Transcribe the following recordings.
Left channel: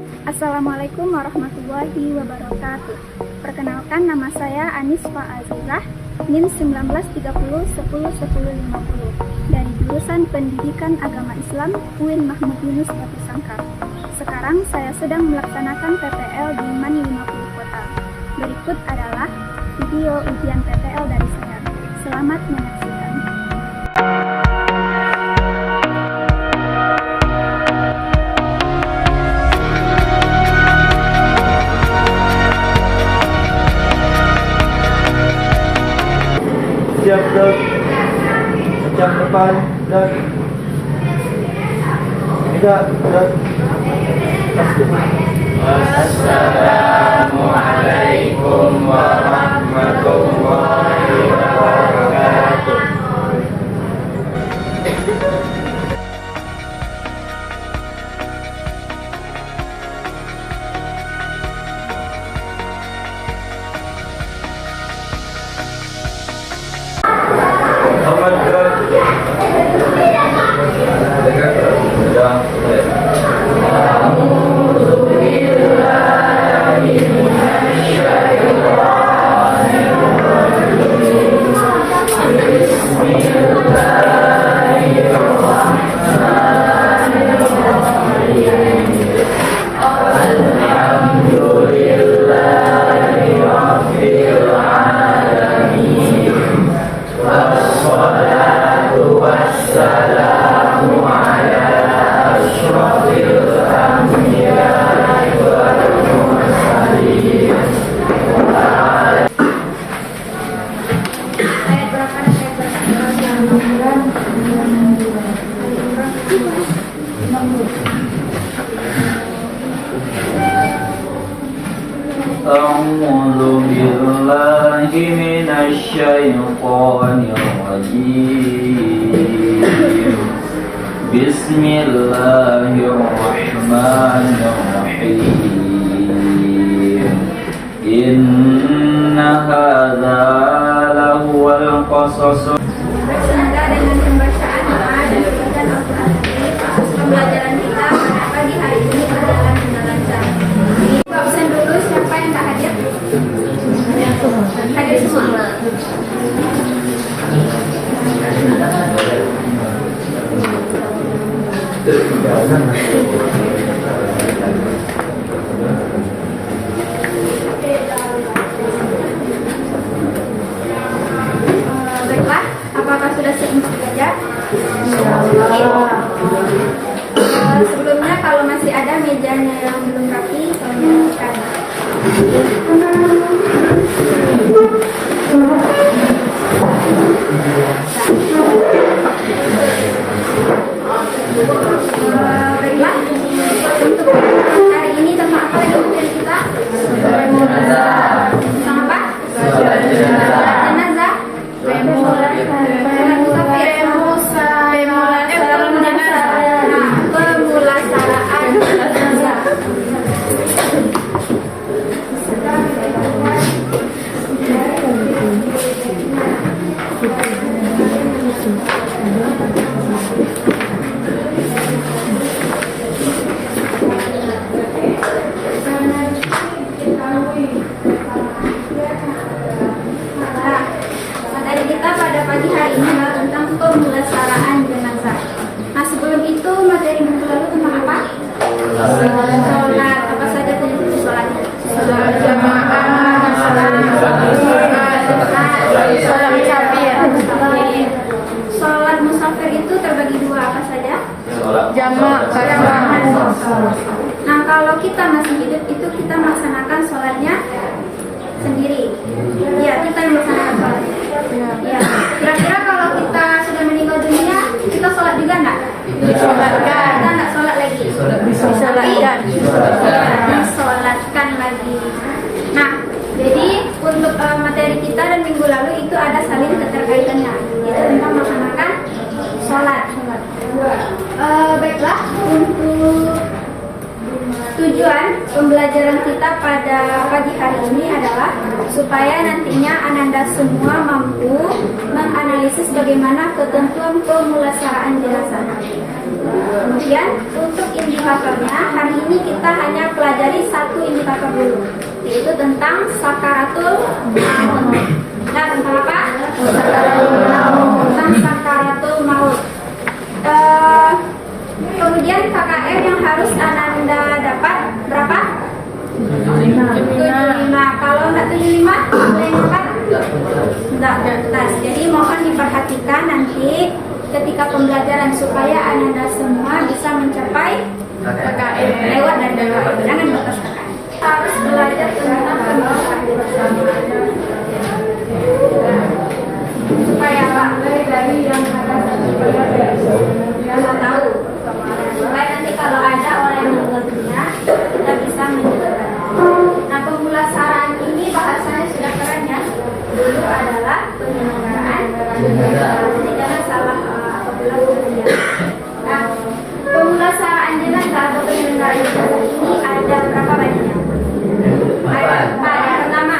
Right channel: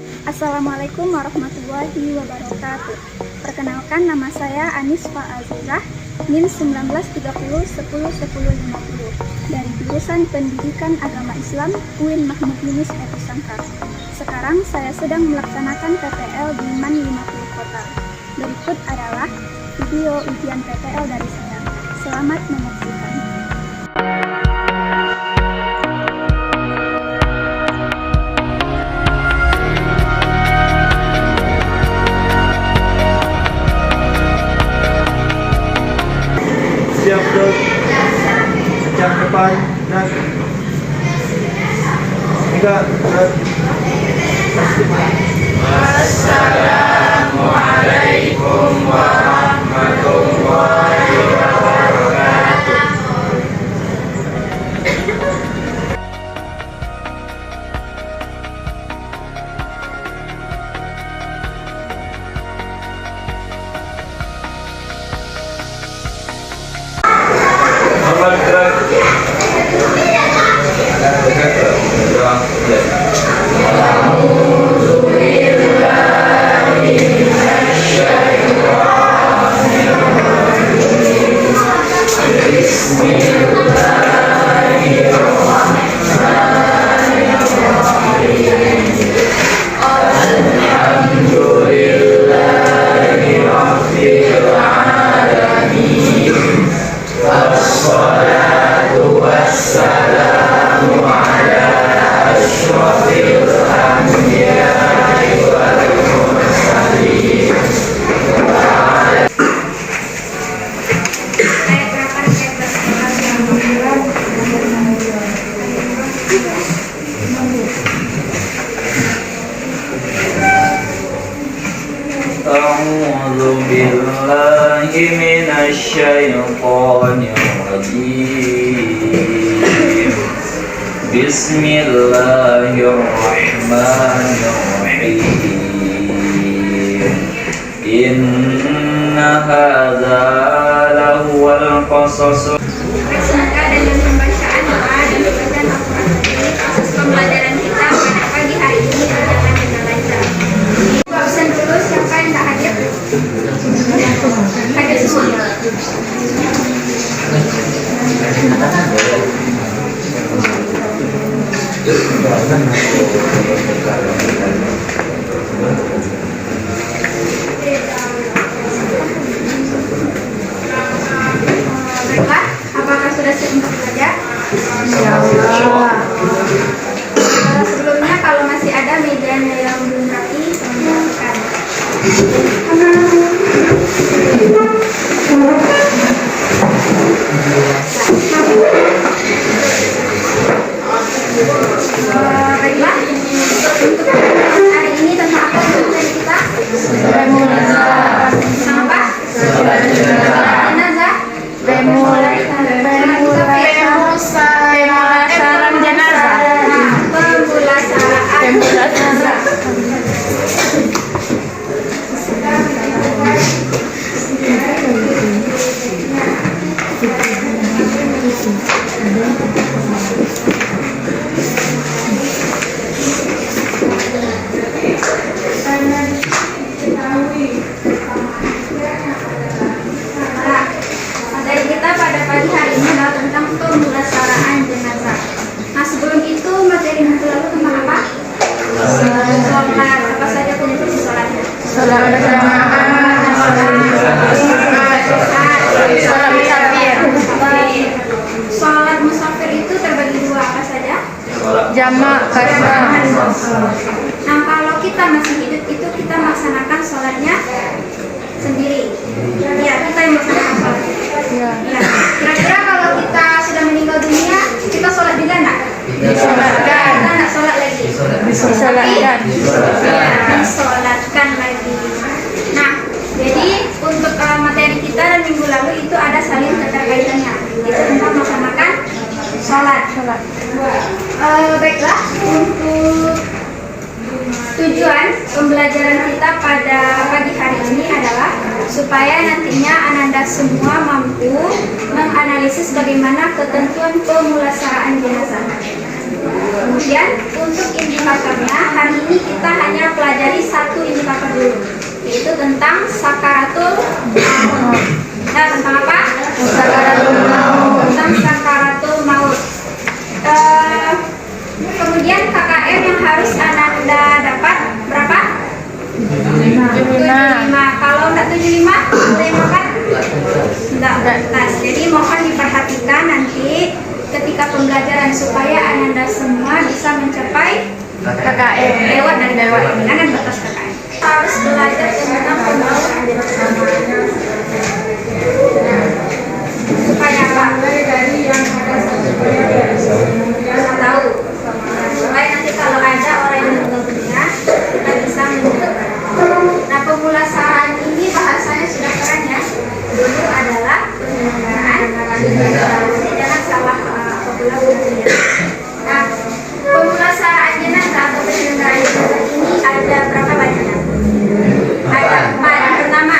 Assalamualaikum warahmatullahi wabarakatuh. Perkenalkan, nama saya Anisfa Azizah, NIM 1930 10 10 50 dari jurusan Pendidikan Agama Islam UIN Mahmud Yunus Ebu Sangkar. Sekarang saya sedang melaksanakan PPL di MAN 50 Kota. Berikut adalah video ujian PPL dari saya. Selamat menyaksikan. Siap gerak, pecah depan dan gerak. Assalamualaikum warahmatullahi wabarakatuh. Selamat gerak. Sudah mulai. A'udzu billahi minasy syaithanir rajim. Bismillahirrahmanirrahim. Inna hadza lahuwal qasas. Semoga dengan pembacaan doa dan bacaan Al-Quran ini proses pembelajaran kita pada pagi hari ini berjalan dengan lancar. Absen dulu, siapa yang tak hadir? Hadir semua. Baiklah, apakah sudah siap untuk belajar? Insyaallah. Sebelumnya kalau masih ada mejanya yang belum rapi, tolong rapikan. Baiklah, untuk hari ini tentang apa materi kita? Tentang apa? Jenazah. Pemulasaraan jenazah. Materi kita pada pagi hari ini adalah tentang pemulasaraan jenazah. Nah, sebelum itu materi minggu lalu tentang apa? Sholat. Apa saja jenis sholatnya? Sholat berjamaah, sholat musafir. Sholat musafir itu terbagi dua, apa saja? Jamak, kasar. Nah, kalau kita masih hidup itu kita melaksanakan sholatnya sendiri. Ya, kita yang melaksanakan sholat. Ya. Kira-kira kalau kita sudah meninggal dunia, kita sholat juga nggak? Disolatkan. Kita nggak sholat lagi. Disolatkan. Disolatkan lagi. Nah, jadi untuk materi kita dan minggu lalu itu ada saling keterkaitannya. Itu tentang melaksanakan sholat. Baiklah, untuk tujuan pembelajaran kita pada pagi hari ini adalah supaya nantinya Ananda semua mampu menganalisis bagaimana ketentuan pemulasaraan jenazah. Kemudian untuk indikatornya hari ini kita hanya satu indikator dulu, yaitu tentang sakaratul maut. Nah, tentang apa? Tentang sakaratul maut. Kemudian KKM yang harus Ananda dapat berapa? 75. Kalau enggak 75, boleh makan? Enggak. Jadi mohon diperhatikan nanti ketika pembelajaran supaya Ananda semua bisa mencapai KKM lewat dari KKM, jangan batas KKM. Harus belajar tentang pembahasan supaya apa? Dari yang ada tahu supaya nanti kalau ada orang yang mengertinya kita bisa mengerti. Nah, pemulasaraan ini bahasanya sudah keren ya. Dulu adalah penyelenggaraan, jadi jangan salah apabila bunyinya. Nah, pemulasaraan jenazah atau penyelenggaraan jenazah ini ada berapa banyaknya? Ada 4. Yang pertama,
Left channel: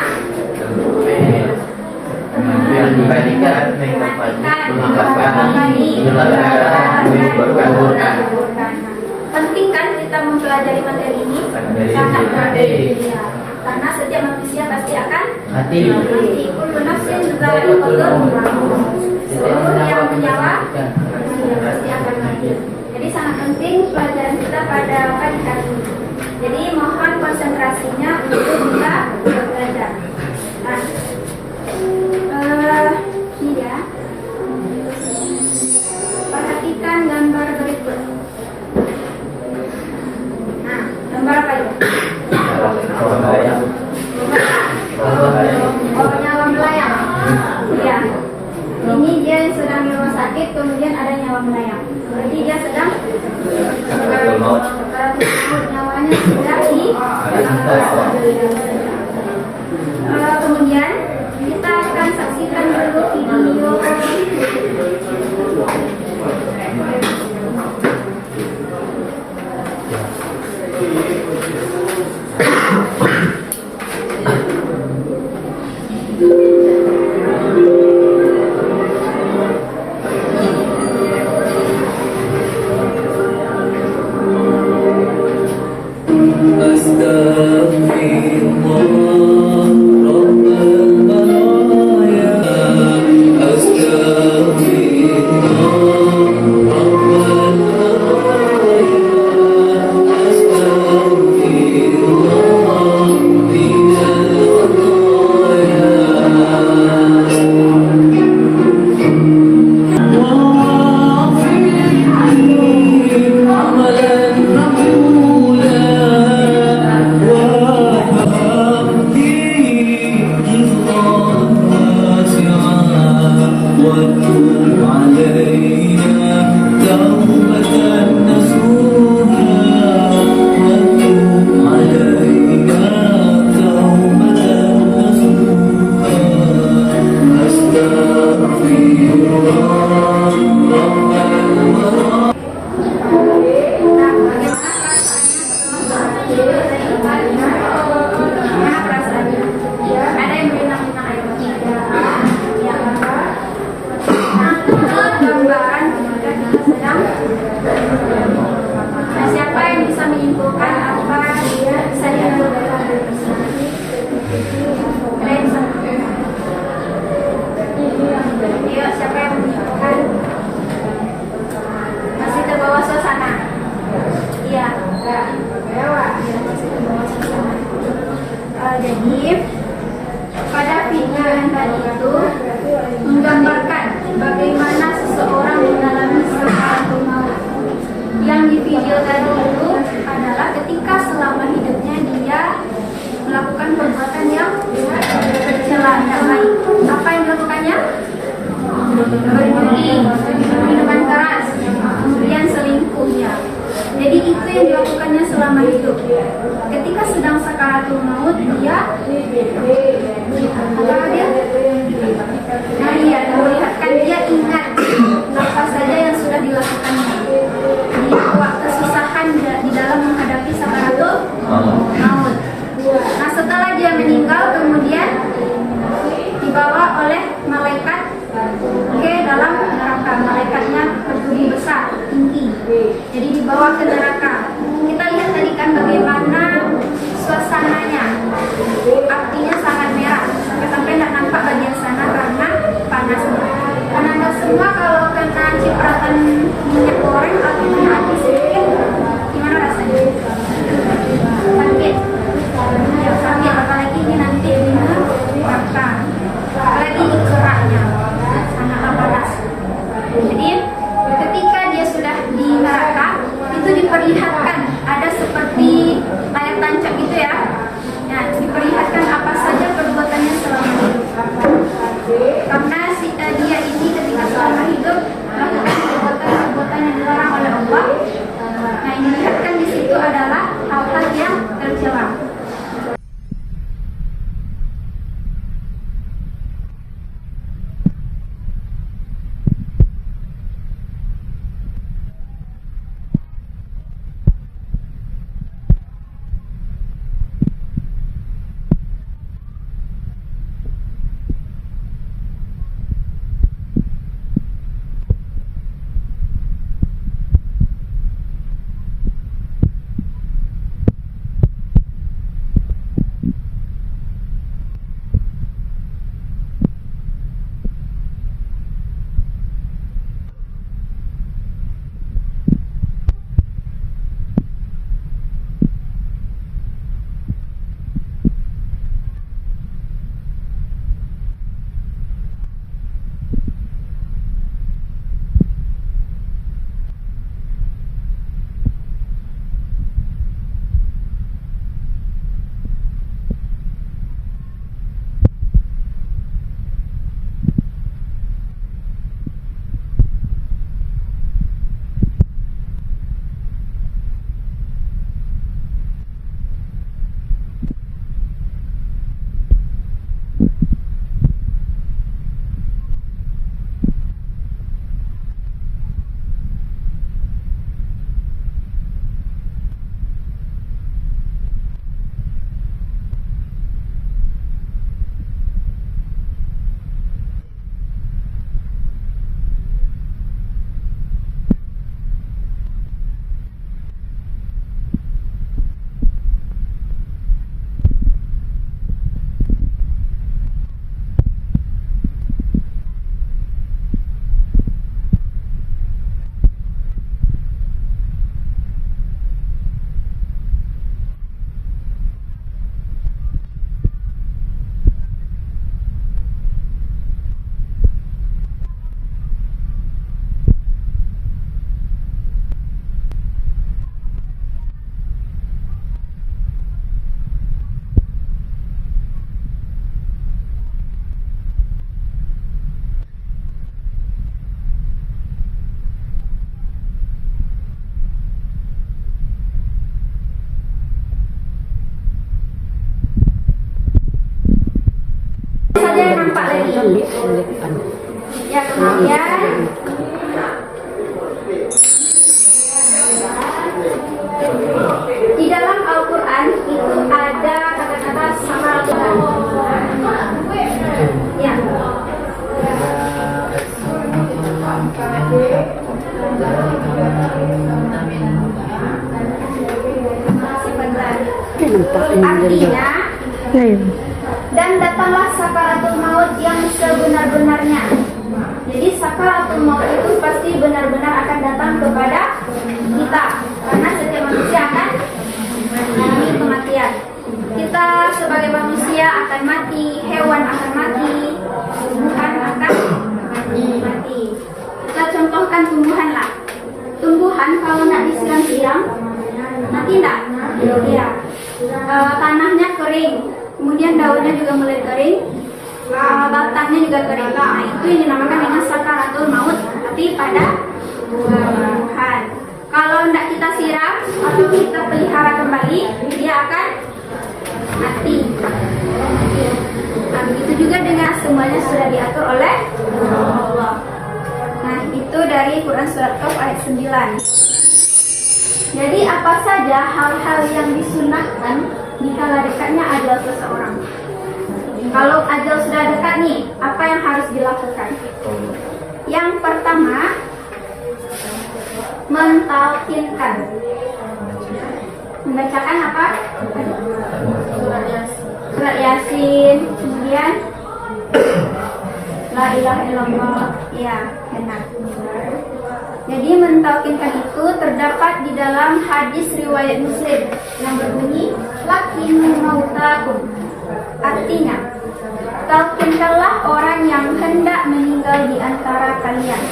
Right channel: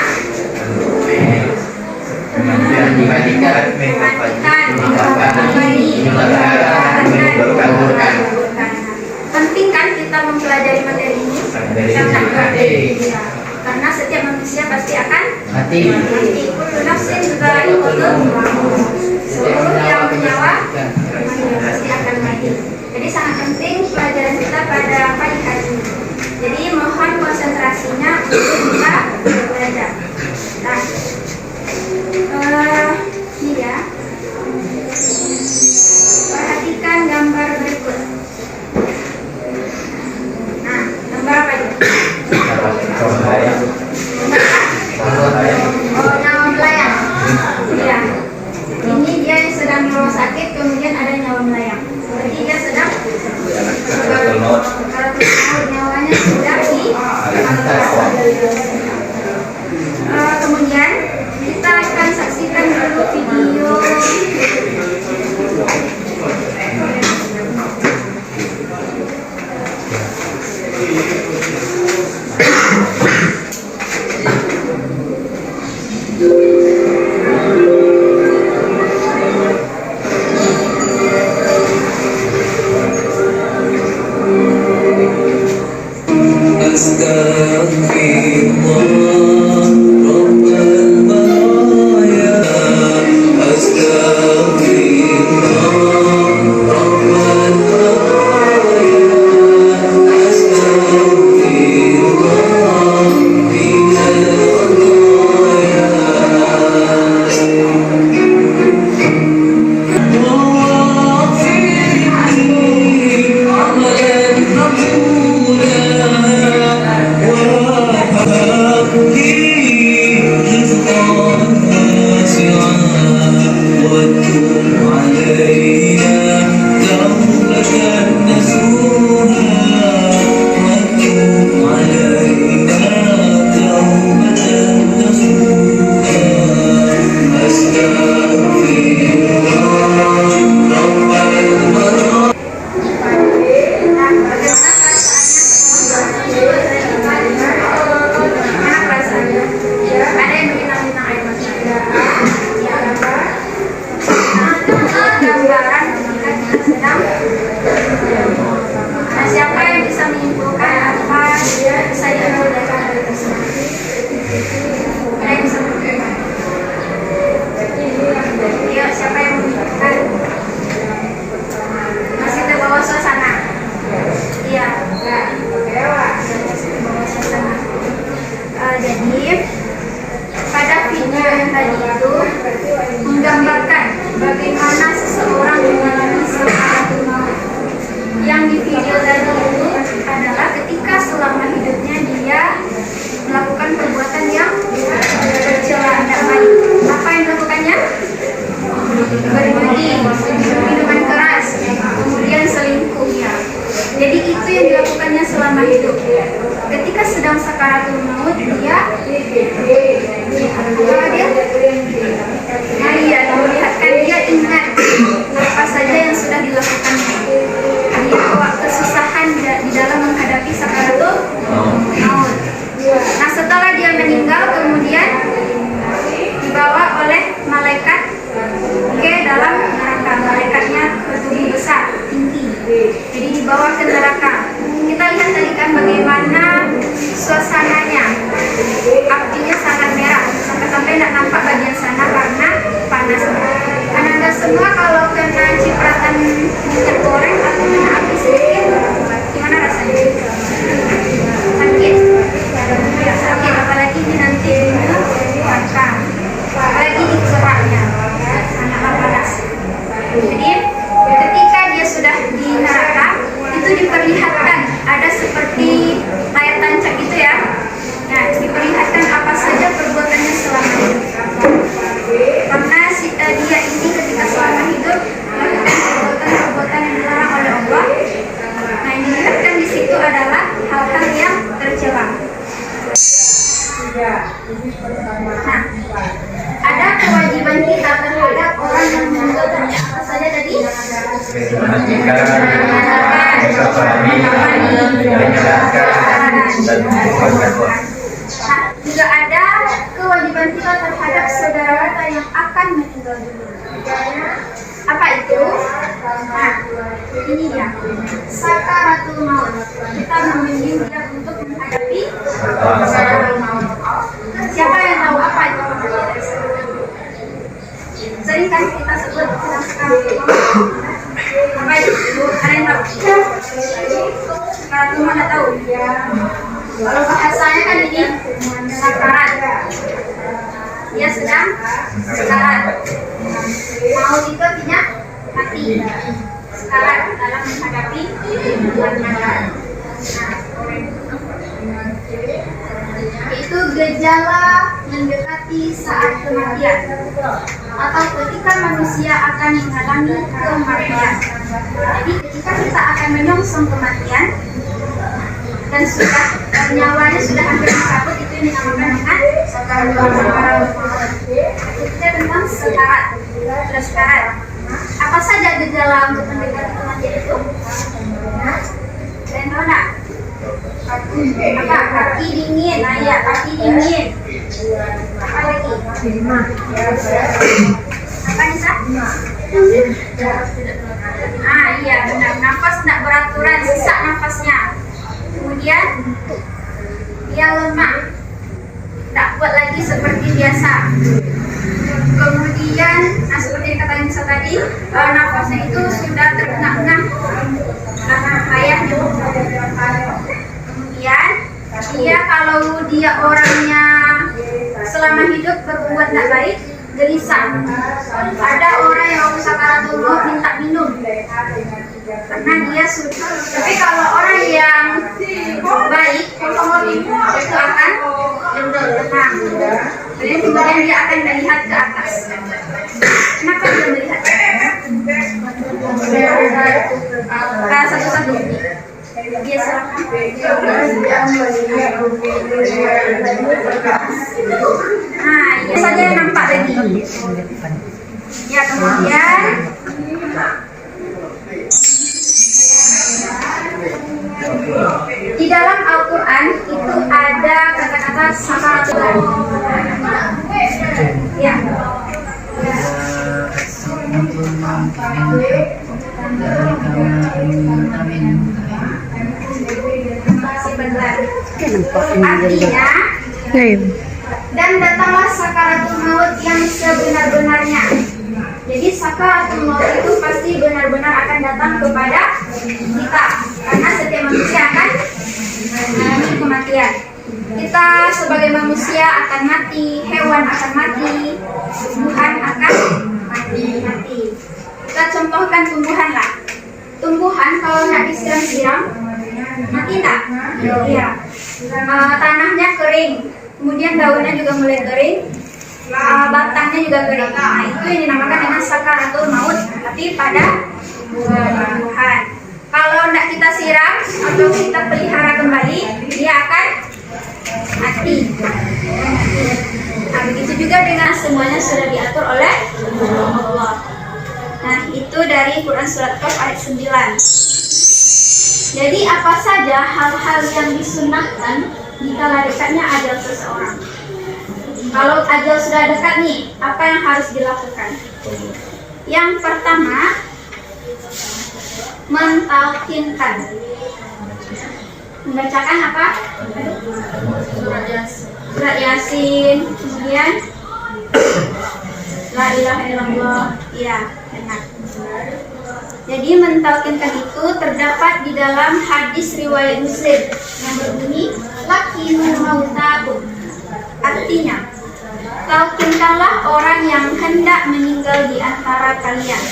penting kan kita mempelajari materi ini? Sangat penting. Karena setiap manusia pasti akan mati. Kullu nafsin dha'iqatul maut. Seluruh yang bernyawa pasti akan mati. Jadi sangat penting pelajaran kita pada pagi hari ini. Jadi mohon konsentrasinya untuk kita belajar. Nah, ini ya. Perhatikan gambar berikut. Nah, gambar apa itu? Oh, nyawa melayang. Iya. Ini dia yang sedang di rumah sakit, kemudian ada nyawa melayang. Berarti dia sedang nyawanya sudah di. Kemudian kita akan saksikan dulu video. Jadi pada video yang tadi itu menggambarkan bagaimana seseorang mengalami sakaratul maut. Yang di video tadi itu adalah ketika selama hidupnya dia melakukan perbuatan yang tercela, tidak baik. Apa yang dilakukannya? Berjudi, minuman keras, kemudian selingkuh ya. Jadi itu yang dilakukannya selama hidup. Ketika sedang sakaratul maut dia apa dia? Nah iya, melihatkan dia ingat apa saja yang sudah dilakukannya. Dia bawa kesusahan di dalam menghadapi sakaratul maut. Nah setelah dia meninggal kemudian dibawa oleh malaikat ke dalam neraka. Malaikatnya bertubuh besar, tinggi. Jadi dibawa ke neraka. Kita lihat tadi kan bagaimana dan bertakwa. Nah, juga ada kewajiban kita terhadap saudara kita yang akan meninggal dunia. Apa itu? Nah, ini dia. Sakaratul maut. Kita membimbing dia untuk menghadapi sakaratul maut. Siapa yang tahu apa itu kematian? Sering kan kita sebut sakaratul maut. Apa itu? Ada yang tahu? Sakaratul maut nggak tahu? Kalau bahasanya kan ini sakarat. Dia sedang sekarat. Maut itu artinya mati. Sekarat dalam menghadapi kematian. Itu gejala mendekati saat kematian atau ketika manusia akan mengalami kematian. Jadi ketika kita akan menyongsong kematian dan sudah nyawanya sudah hampir dicabut, itu yang dinamakan dengan sakarat. Itu tentang sekarat. Sudah sekarat. Apa saja gejala untuk mendekati kematian itu? Kalian tahu nggak? Apa? Kaki dingin, ayah, kaki dingin. Apa lagi? Apa Nisa? Iya benar. Nafas tidak beraturan, sesak nafasnya. Kemudian dia lemah, tak kuat lagi seperti biasa. Kemudian, seperti yang kata Nisa tadi, nafasnya itu sudah terengah-engah karena ayahnya. Kemudian dia kalau dia orangnya selama hidup berbuat tidak baik, gelisah. Ada orang yang waktu sakaratul maut minta minum karena dia sudah. Tapi kalau orang yang baik itu akan tenang. Kemudian dia akan melihat ke atas. Kenapa dia melihat ke atas? Satu-satu. Dia silakan. Ini saja yang nampak lagi. Ya, kemudian di dalam Al-Quran itu ada kata-kata sakaratul maut. Ya. Artinya, dan datanglah sakaratul maut yang sebenar-benarnya. Jadi sakaratul maut itu pasti benar-benar akan datang kepada kita, karena setiap manusia akan mengalami kematian. Kita sebagai manusia akan mati, hewan akan mati, tumbuhan akan mati. Kita contohkan tumbuhan lah. Tumbuhan kalau nak disiram-siram, mati enggak? Iya. Tanahnya kering, kemudian daunnya juga mulai kering, batangnya juga kering. Nah, itu yang dinamakan dengan sakaratul maut, tapi pada tumbuhan. Kalau tidak kita siram atau kita pelihara kembali, dia akan mati. Nah, begitu juga dengan semuanya sudah diatur oleh Allah. Nah, itu dari Quran Surat Qaf ayat 9. Jadi apa saja hal-hal yang disunahkan dikala dekatnya ajal seseorang. Kalau ajal sudah dekat nih, apa yang harus dilakukan? Yang pertama, mentalkinkan. Membacakan apa? Surat Yasin. Kemudian La ilaha illallah. Ya, benar. Jadi mentalkinkan itu terdapat di dalam hadis riwayat Muslim yang berbunyi lakinu mautakum. Artinya, talkinkanlah orang yang hendak meninggal di antara kalian.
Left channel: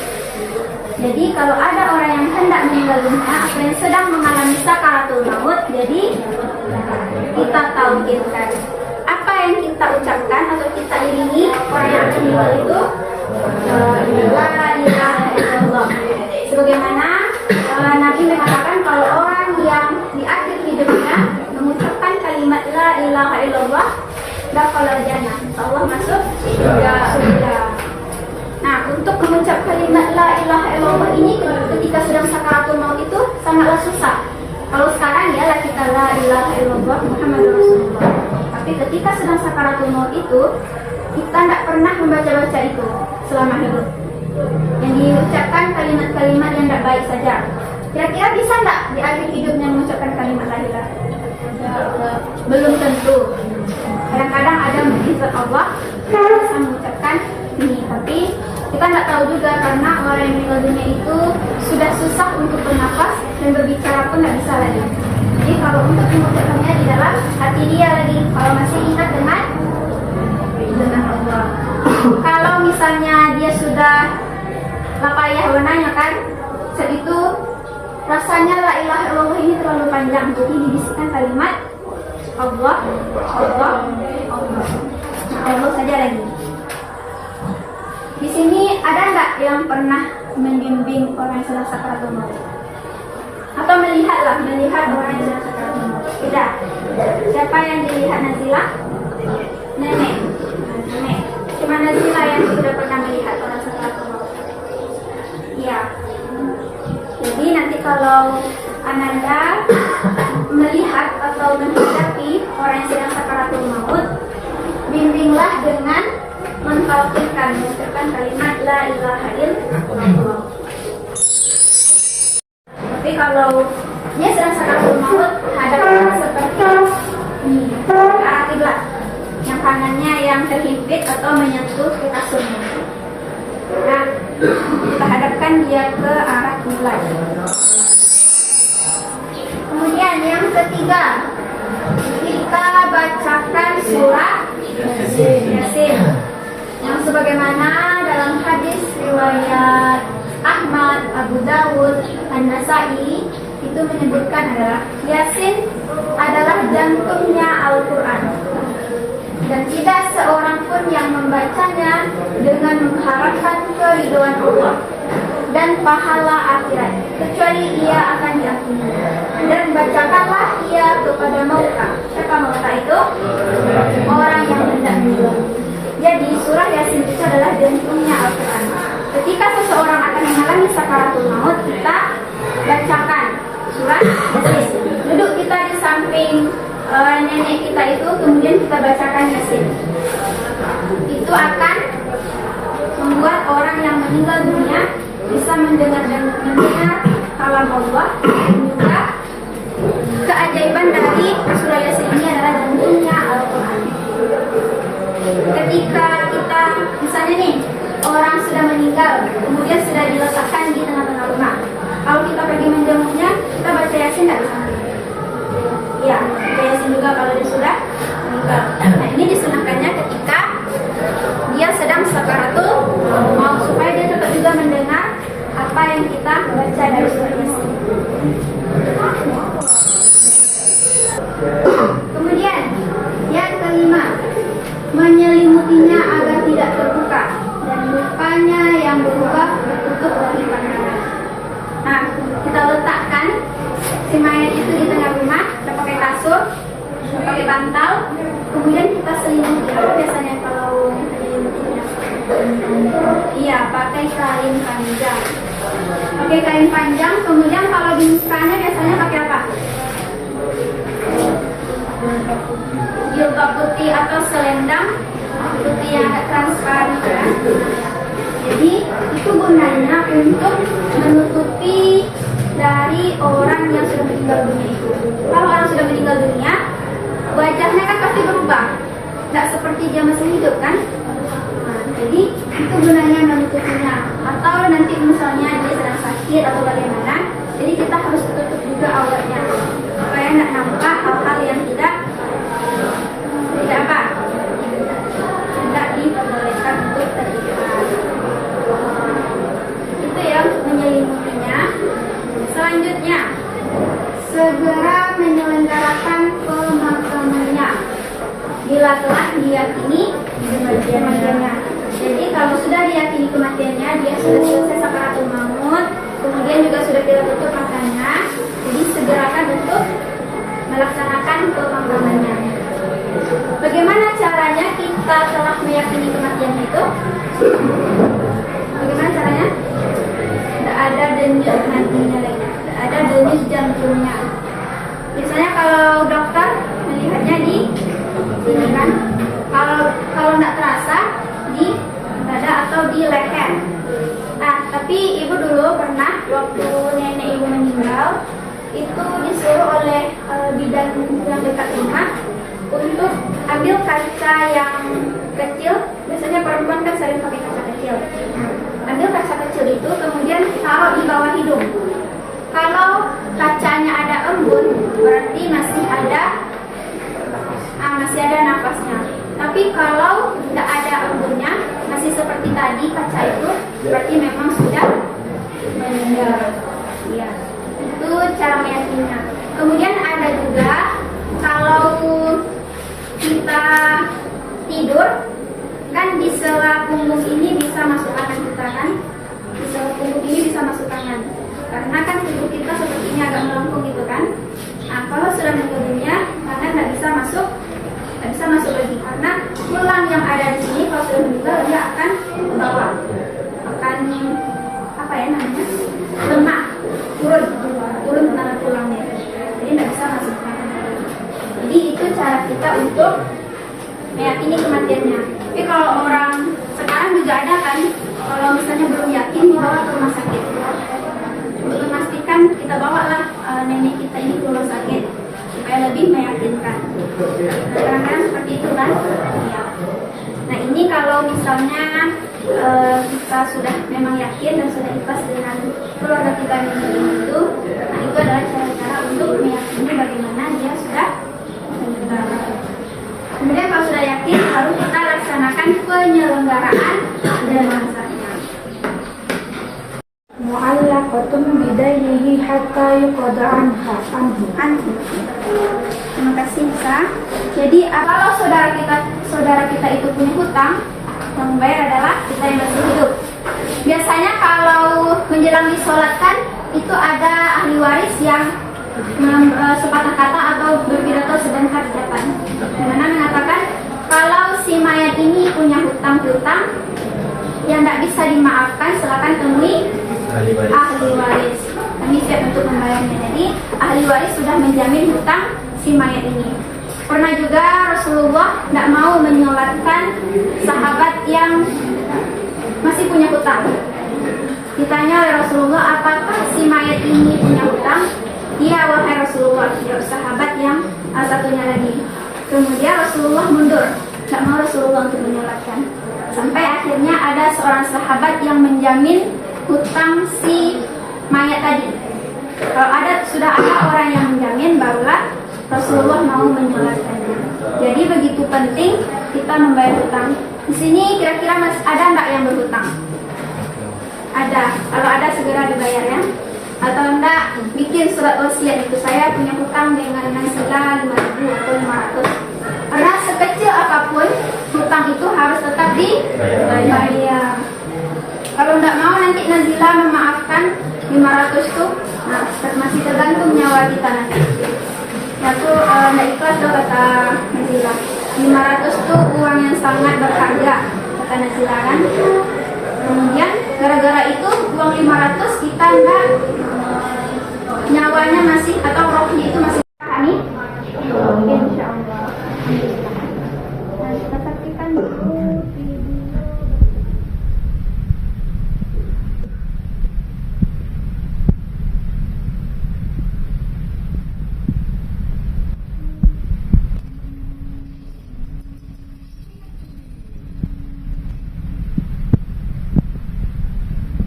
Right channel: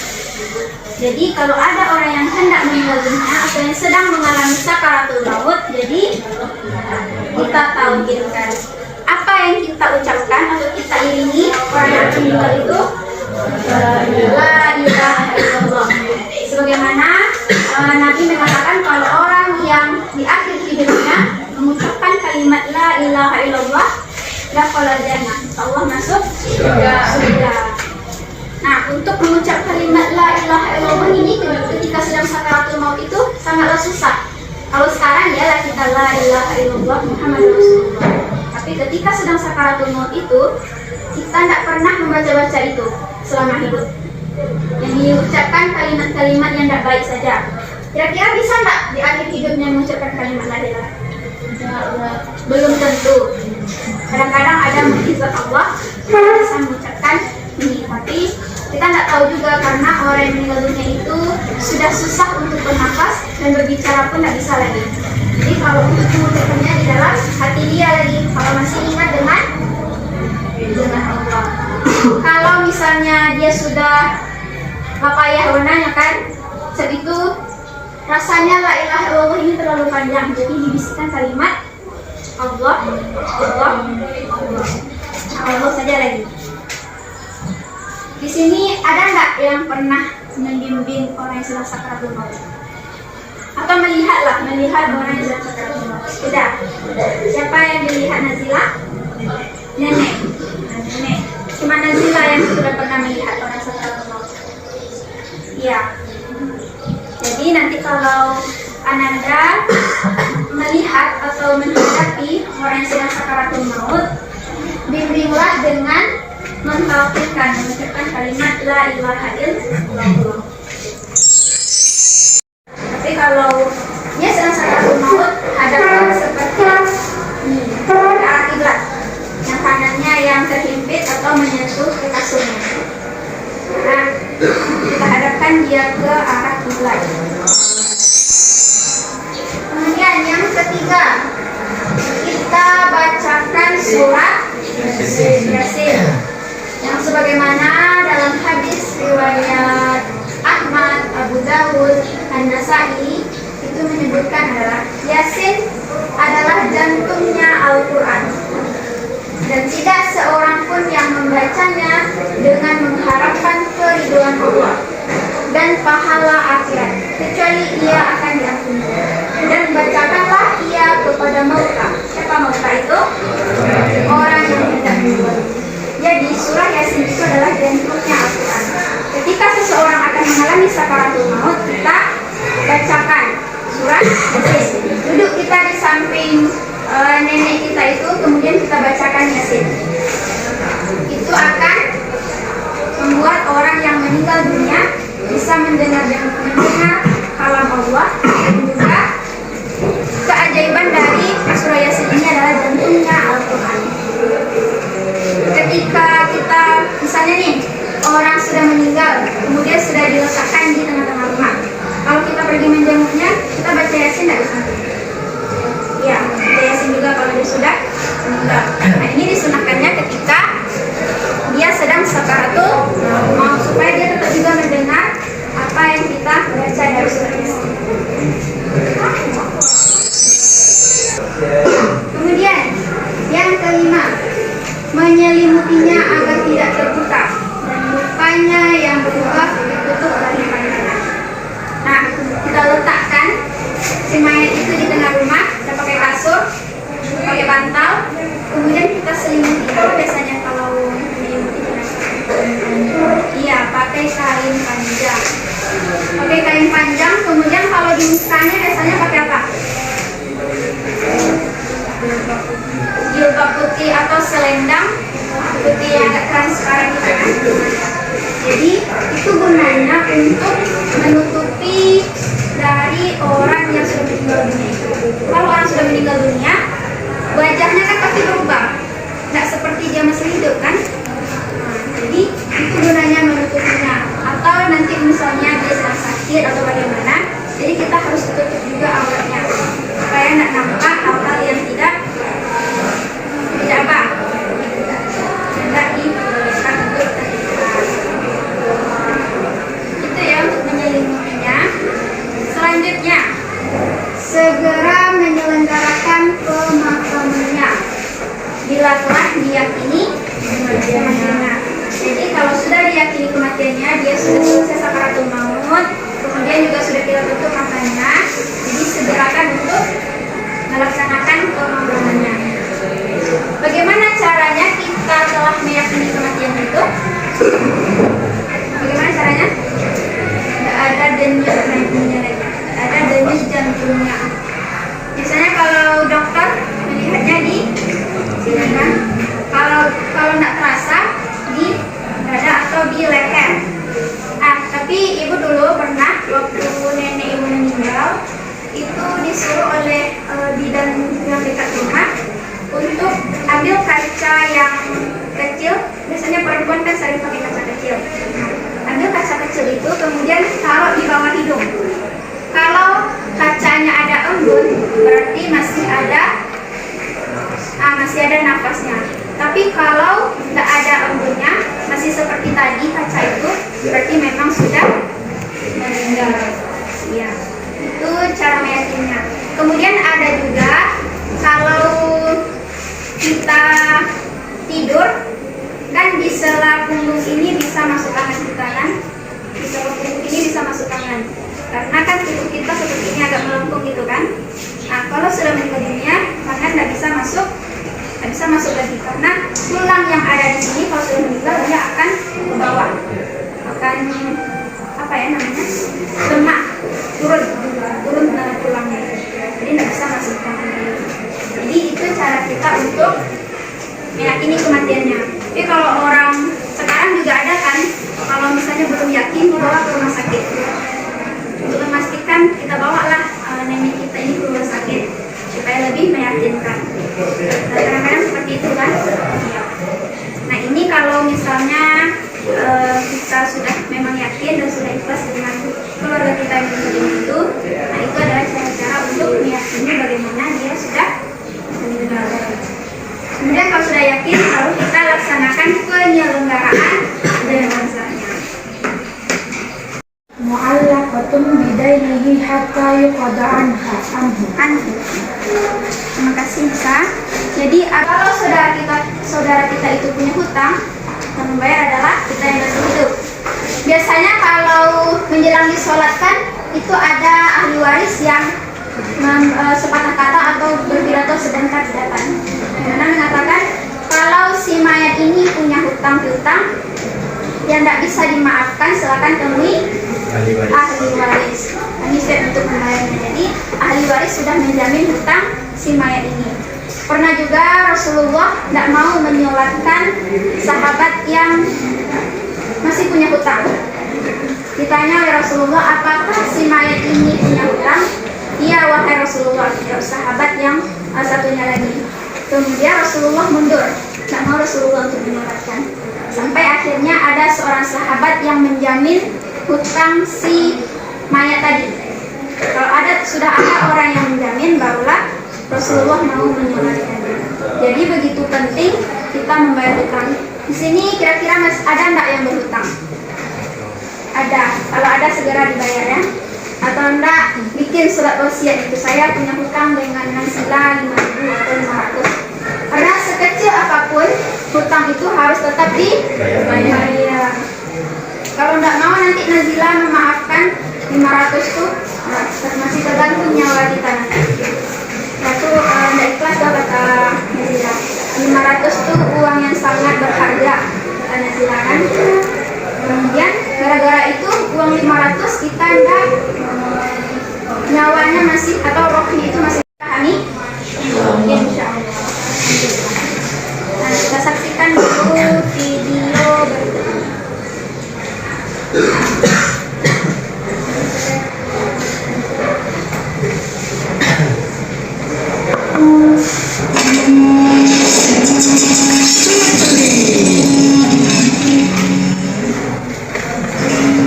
Jadi kalau ada orang yang hendak meninggal dunia atau yang sedang mengalami sakaratul maut, jadi kita talkinkan. Apa yang kita ucapkan atau kita iringi orang yang meninggal itu? La ilaha illallah. Sebagaimana Nabi mengatakan kalau orang yang di akhir hidupnya mengucapkan kalimat la ilaha illallah, dakhala jannah, Allah masuk surga. Nah, untuk mengucap kalimat la ilaha illallah ini ketika sedang sakaratul maut itu sangatlah susah. Kalau sekarang ya kita la ilaha illallah Muhammad Rasulullah. Tapi ketika sedang sakaratul maut itu, kita tidak pernah membaca-baca itu selama hidup. Yang diucapkan kalimat-kalimat yang tidak baik saja. Kira-kira bisa nggak di akhir hidupnya mengucapkan kalimat la ilaha? Belum tentu. Kadang-kadang ada mukjizat Allah yang bisa mengucapkan ini, tapi kita tidak tahu juga karena orang yang meninggal dunia itu sudah susah untuk bernafas dan berbicara pun tidak bisa lagi. Jadi kalau untuk mengucapkannya di dalam hati dia lagi, kalau masih ingat dengan Allah. Kalau misalnya dia sudah papayah warnanya kan, sebab itu rasanya la ilaha illallah ini terlalu panjang, jadi dibisikkan kalimat Allah, Allah, Allah. Nah, Allah saja lagi. Di sini ada nggak yang pernah membimbing orang yang sedang sakaratul maut? Atau melihat orang yang sedang sakaratul maut? Tidak. Siapa yang dilihat Nazila? Nenek. Nenek. Cuma Nazila yang sudah pernah melihat orang sakaratul maut. Ya. Jadi nanti kalau Ananda melihat atau menghadapi orang yang sedang sakaratul maut, bimbinglah dengan mentauhidkan, mengucapkan kalimat la ilaha illallah. Tapi kalau dia sedang sakaratul maut, hadapkan seperti ini, ke arah kiblat. Yang kanannya yang terhimpit atau menyentuh ke kasurnya. Nah, kita hadapkan dia ke arah kiblat. Kemudian yang ketiga, kita bacakan surat Yasin. Yang sebagaimana dalam hadis riwayat Ahmad, Abu Dawud, An-Nasai itu menyebutkan adalah Yasin adalah jantungnya Al-Quran, dan tidak seorang pun yang membacanya dengan mengharapkan keridhaan Allah dan pahala akhirat kecuali ia akan diampuni. Dan bacakanlah ia kepada mauta. Siapa mauta itu? Orang yang tidak meninggal. Jadi surah Yasin itu adalah jantungnya Al-Quran. Ketika seseorang akan mengalami sakaratul maut, kita bacakan surah Yasin. Duduk kita di samping nenek kita itu, kemudian kita bacakan Yasin. Itu akan membuat orang yang meninggal dunia bisa mendengar kalam Allah, dan juga keajaiban dari surah Yasin ini adalah jantungnya Al-Quran. Ketika kita misalnya nih orang sudah meninggal, kemudian sudah diletakkan di tengah-tengah rumah, kalau kita pergi menjenguknya, kita baca Yasin dari sana. Ya, baca Yasin juga kalau dia sudah meninggal. Nah, ini disunahkannya ketika dia sedang sakaratul maut, supaya dia tetap juga mendengar apa yang kita baca dari surah Yasin. Kemudian yang kelima, menyelimutinya agar tidak terbuka dan lukanya yang berubah tertutup dari pandangan. Nah, kita letakkan si mayat itu di tengah rumah, kita pakai kasur, pakai bantal, kemudian kita selimuti. Apa biasanya kalau menyelimuti jenazah? Iya, pakai kain panjang. Pakai kain panjang, kemudian kalau di mukanya biasanya pakai apa? Jilbab putih atau selendang putih yang agak transparan gitu kan. Jadi itu gunanya untuk menutupi dari orang yang sudah meninggal dunia itu. Kalau orang sudah meninggal dunia, wajahnya kan pasti berubah, nggak seperti dia masih hidup kan. Jadi itu gunanya menutupinya. Atau nanti misalnya dia sedang sakit atau bagaimana, jadi kita harus tutup juga auratnya supaya nggak nampak hal-hal yang tidak apa, tidak diperbolehkan untuk terlihat. Itu ya untuk menyelimutinya. Selanjutnya, segera menyelenggarakan pemakamannya bila telah diyakini kematiannya. Jadi kalau sudah diyakini kematiannya, dia sudah selesai sakaratul maut, kemudian juga sudah kita tutup matanya, jadi segerakan untuk melaksanakan pemakamannya. Bagaimana caranya kita telah meyakini kematian itu? Bagaimana caranya? Tidak ada denyut nadinya lagi, tidak ada denyut jantungnya. dekat rumah untuk ambil kaca yang kecil. Biasanya perempuan kan sering pakai kaca kecil. Ambil kaca kecil itu kemudian taruh di bawah hidung. Kalau kacanya ada embun, berarti masih ada nafasnya. Tapi kalau tidak ada embunnya, masih seperti tadi kaca itu, berarti memang sudah meninggal. Ya, itu cara meyakinnya. Kemudian ada juga kalau kita tidur, kan di sela punggung ini bisa masuk tangan kita kan? Di sela punggung ini bisa masuk tangan. Karena kan tubuh kita seperti ini agak melengkung gitu kan? Nah, kalau sudah meninggal dunia, tangan nggak bisa masuk lagi karena tulang yang ada di sini kalau sudah meninggal dia akan ke bawah, akan lemak, turun tangan tulangnya, jadi nggak bisa masuk tangan. Jadi itu cara kita untuk meyakini kematiannya. Tapi kalau orang sekarang juga ada kan, kalau misalnya belum yakin dibawa ke rumah sakit. Untuk memastikan kita bawalah nenek kita ini ke rumah sakit supaya lebih meyakinkan. Nah, kadang-kadang seperti itu kan. Nah ini kalau misalnya kita sudah memang yakin dan sudah ikhlas dengan keluarga kita yang itu, nah itu adalah cara-cara untuk meyakini bagaimana dia sudah meninggal. Kemudian kalau sudah yakin, lalu kita laksanakan penyelenggaraan jenazahnya. Mu'allaqatun bidainihi hatta yuqada anhu. Terima kasih Bisa. Jadi kalau saudara kita itu punya hutang, yang membayar adalah kita yang masih hidup. Biasanya kalau menjelang disolatkan itu ada ahli waris yang sepatah kata atau berpidato sebentar di depan, dimana mengatakan kalau si mayat ini punya hutang piutang yang tidak bisa dimaafkan, silakan temui ahli waris. Kami siap untuk membayarnya. Jadi ahli waris sudah menjamin hutang si mayat ini. Pernah juga Rasulullah tidak mau menyolatkan sahabat yang masih punya hutang. Ditanya oleh Rasulullah, apakah si mayat ini punya hutang? Iya wahai Rasulullah, tidak sahabat yang satunya lagi. Kemudian Rasulullah mundur, tidak mau Rasulullah untuk menyolatkan. Sampai akhirnya ada seorang sahabat yang menjamin hutang si mayat tadi. Kalau sudah ada orang yang menjamin, barulah Rasulullah mau menyolatkannya. Jadi begitu penting kita membayar hutang. Di sini kira-kira ada enggak yang berhutang? Ada. Kalau ada segera dibayarnya. Atau enggak bikin surat wasiat itu, saya punya hutang dengan Nasila 5.000 atau 500. Karena sekecil apapun hutang itu harus tetap dibayar. Kalau enggak mau nanti Nazila memaafkan 500 itu, masih tergantung nyawa kita nanti. Satu enggak ikhlas lah kata Nazila. 500 itu uang yang sangat berharga kata Nazila kan. Kemudian gara-gara itu uang 500 kita enggak nyawanya masih atau rohnya itu masih pahami. Insya Allah. Nah, kita saksikan dulu video berikut.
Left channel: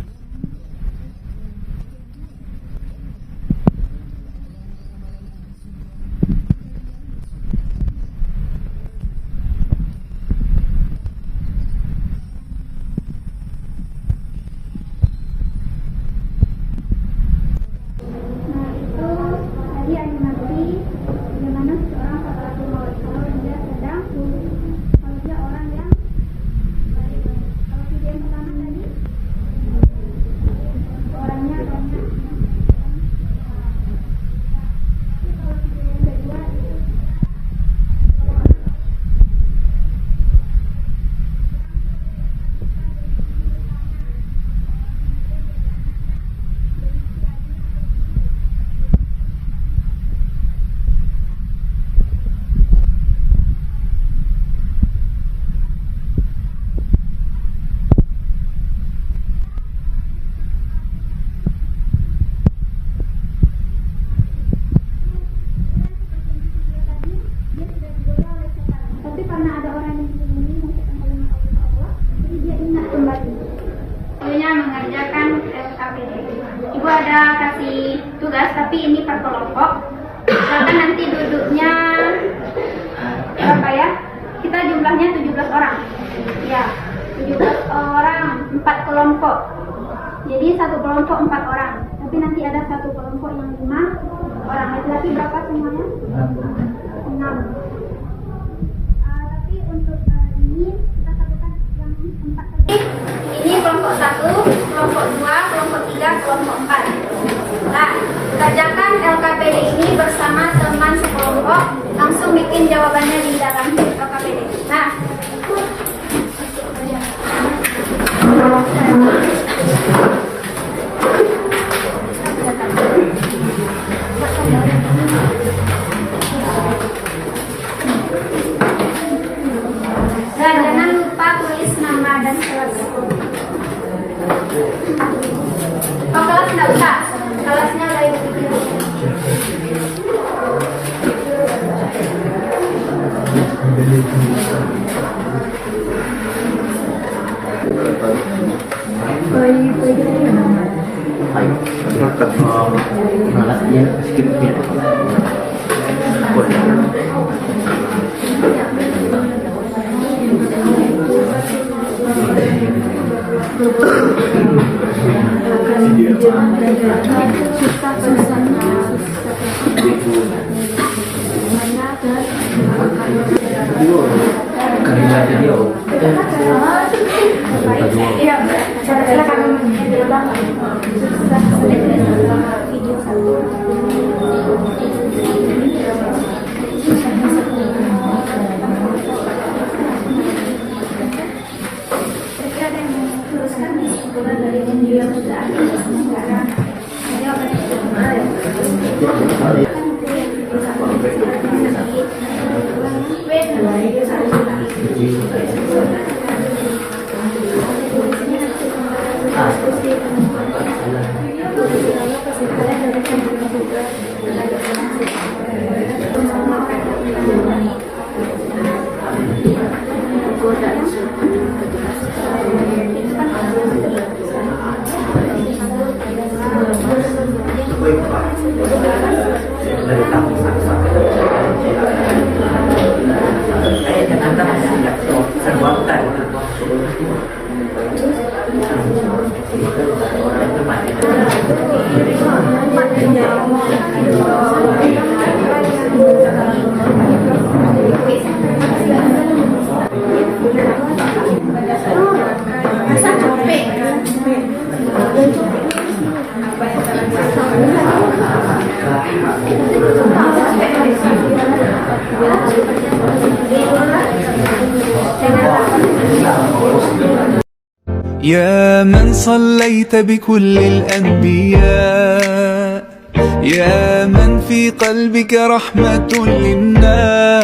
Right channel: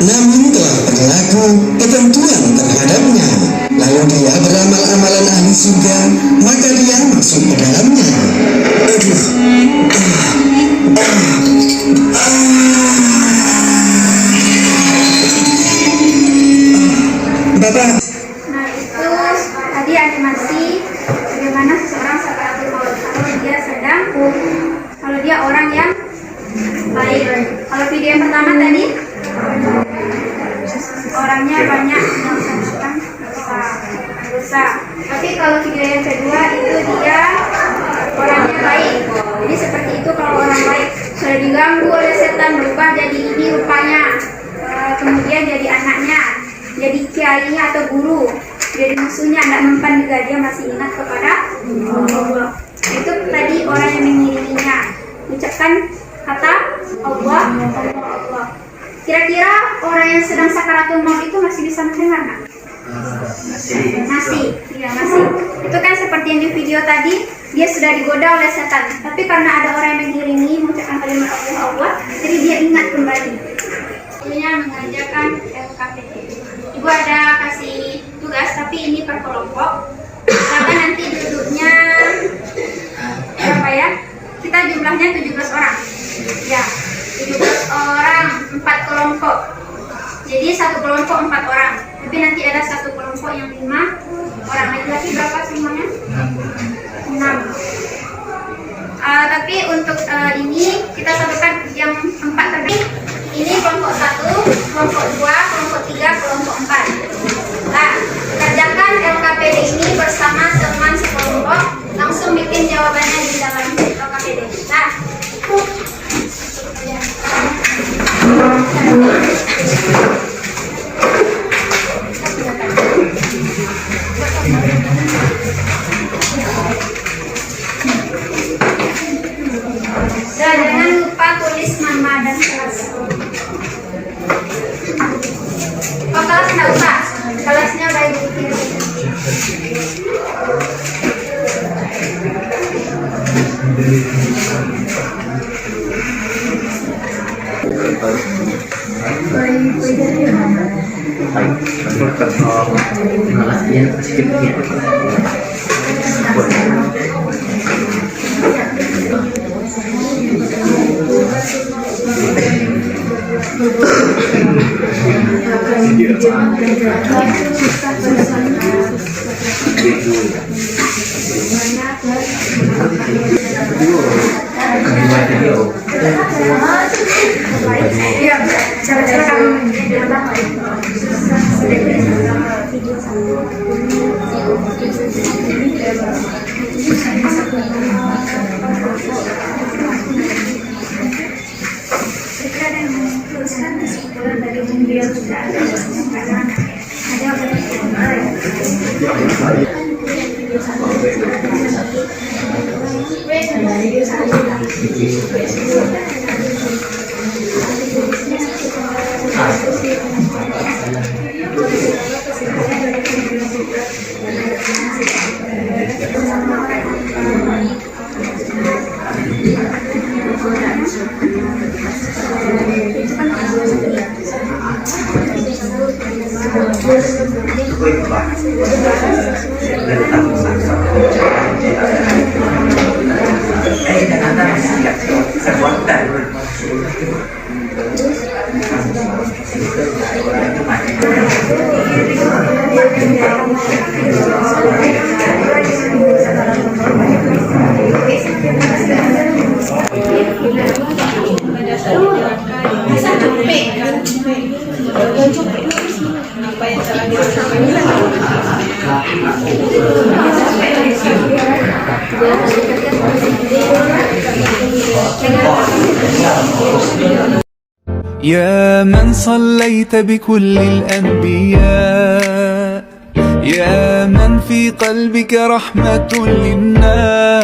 Namun telah berlaku ketentuan terhadapnya, lalu dia beramal amalan ahli surga, maka dia masuk ke dalamnya. Bapak. Nah itu tadi animasi bagaimana seseorang sakaratul maut. Kalau dia orang yang baik. Kalau video yang pertama tadi orangnya banyak yang melakukan dosa. Tapi kalau video yang kedua itu dia orangnya baik. Jadi seperti itu kalau orang baik sudah diganggu oleh setan berubah jadi ini rupanya, kemudian jadi anaknya, jadi kiainya atau guru, jadi musuhnya, tidak mempan juga, dia masih ingat kepada Allah. Itu tadi orang yang mengiringinya ucapkan kata Allah, Allah, Allah. Kira-kira orang yang sedang sakaratul maut itu masih bisa mendengar nggak? Masih, ya masih. itu kan seperti yang di video tadi, dia sudah digoda oleh setan. Tapi karena ada orang yang mengiringi mengucapkan kalimat Allah, jadi dia ingat kembali. Selanjutnya mengerjakan LKPD. Ibu ada kasih tugas, tapi ini per kelompok. Misalkan nanti duduknya berapa ya? Kita jumlahnya 17 orang. Ya, 17 orang, 4 kelompok. Jadi satu kelompok 4 orang. Tapi nanti ada satu kelompok yang 5 orang. Laki-laki berapa semuanya? 6. Tapi untuk ini kita satukan yang 4 tadi. Ini kelompok 1, kelompok 2, kelompok 3, kelompok 4. Nah, kerjakan LKPD ini bersama teman sekelompok. Langsung bikin jawabannya di dalam LKPD. Nah, jangan lupa tulis nama dan kelas. Oh, kelas nggak usah. Kelasnya baik bikin. يا من صليت بكل الأنبياء، يا من في قلبك رحمة للناس،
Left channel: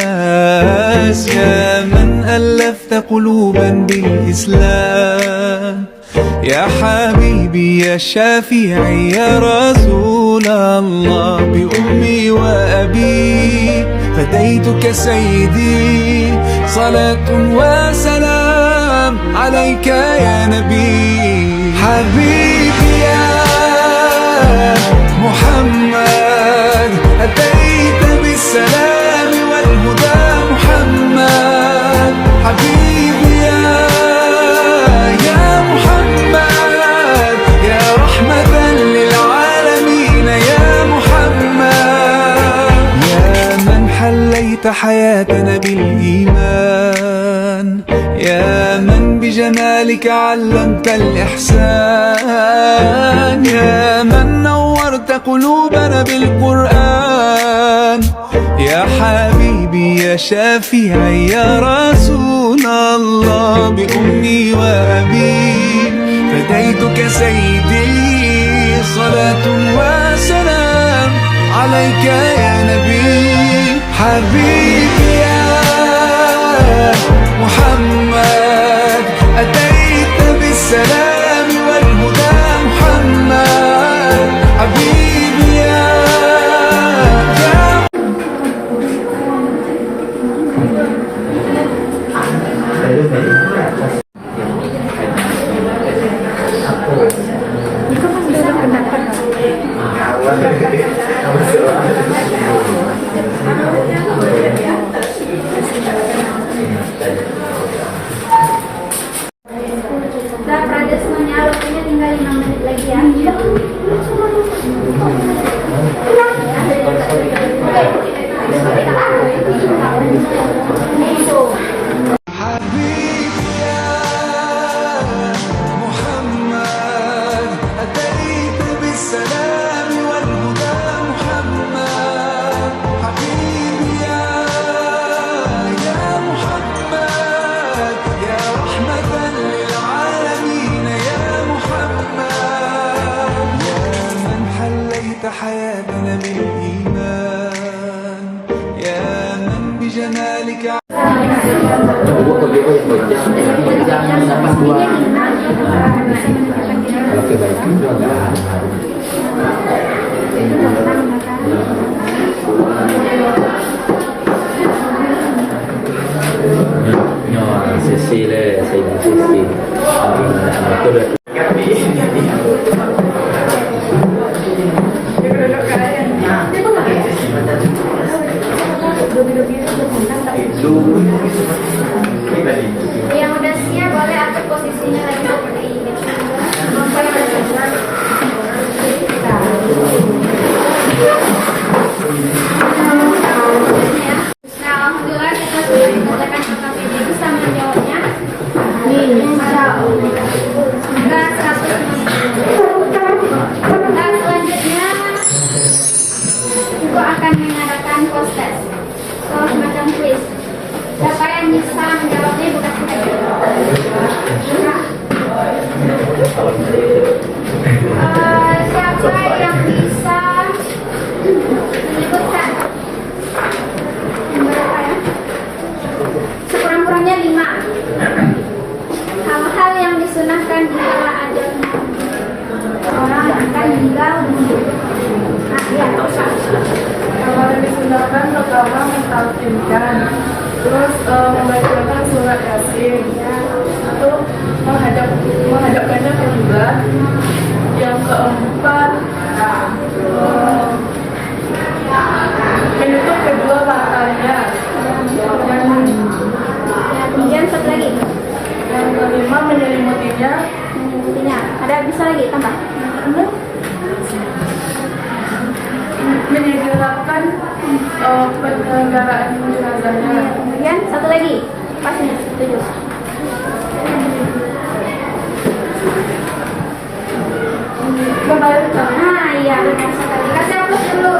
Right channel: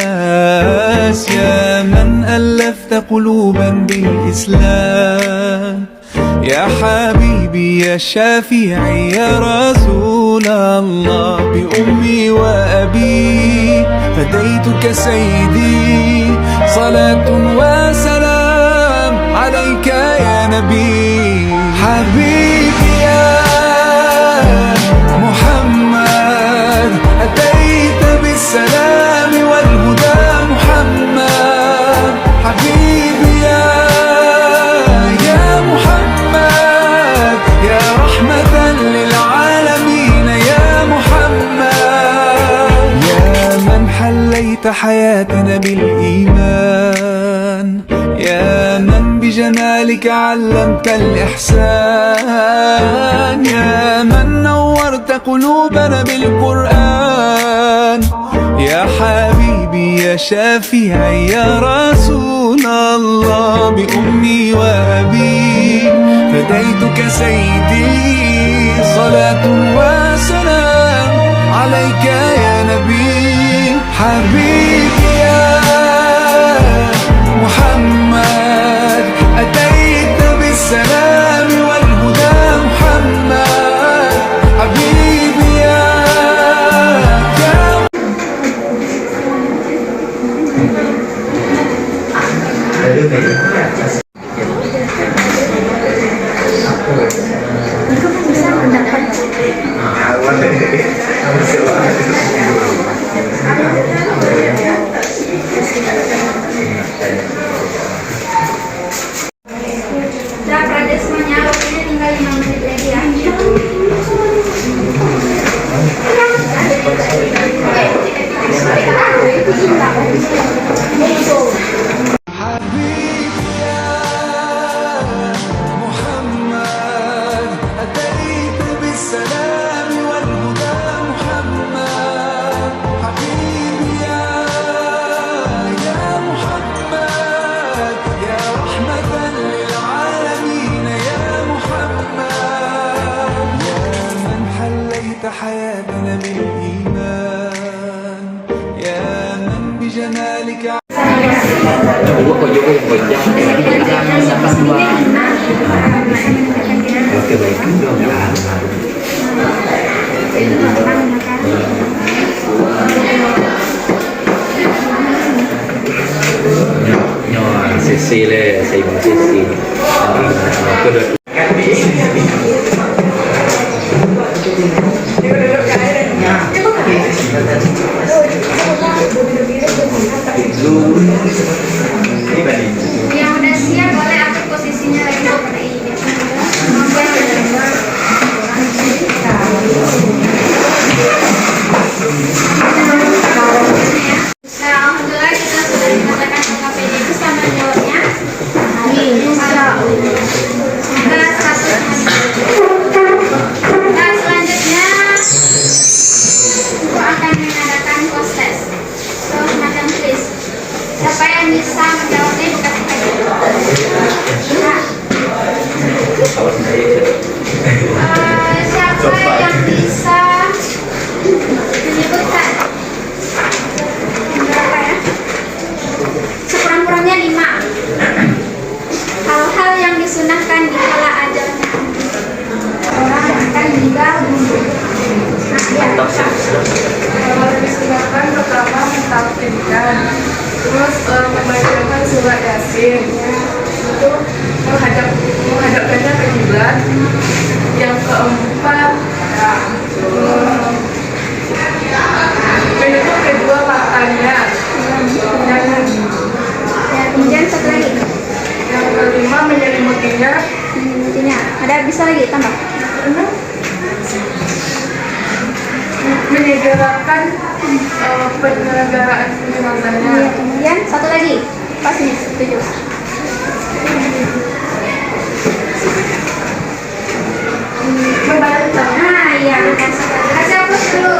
يا من ألفت قلوبا بالإسلام، يا حبيبي يا شافعي يا رسول الله، بأمي وأبي فديتك سيدي، صلاة وسلام عليك يا نبي. حبيبي يا محمد أتيت بالسلام والهدى محمد، حبيبي يا محمد يا رحمة للعالمين يا محمد، يا من حليت حياتنا بالإيمان، يا من بجمالك علمت الإحسان، يا من نورت قلوبنا بالقرآن، يا حبيبي يا شافعي يا رسول الله، بأمي وأبي فديتك سيدي، صلاة وسلام عليك يا نبي. حبيبي يا محمد أتيت بالسلام والهدى محمد، حبيبي يا حبيبي يا محمد أتيت بالسلام والهدى محمد حبيبي يا محمد يا رحمة للعالمين يا محمد يا من حليت حياتنا بالإيمان يا من بجمالك nhỏ sisi le saya mau sisi ini kedua Yang udah siap boleh atur posisinya lagi seperti ini. Nah, alhamdulillah kita sudah dinyatakan KPD itu sama jawabnya. Semoga status nah, selanjutnya Ibu akan mengadakan post test. So, semacam quiz. Siapa yang bisa menjawabnya bukan kita. Siapa yang bisa menyebutkan berapa ya? Sekurang-kurangnya 5 hal-hal yang disunahkan di kala ajalnya orang akan meninggal dunia. Nah, ya, Kalau disunahkan pertama mentalkinkan, terus membacakan surat Yasin, itu menghadapkannya ke kiblat. Yang keempat, menutup kedua matanya. kemudian satu lagi Yang kelima menyelimutinya. ada bisa lagi tambah Menyegerakan penyelenggaraan jenazahnya. kemudian satu lagi pasnya setuju. Membalik Nah, iya, kasih aplaus dulu.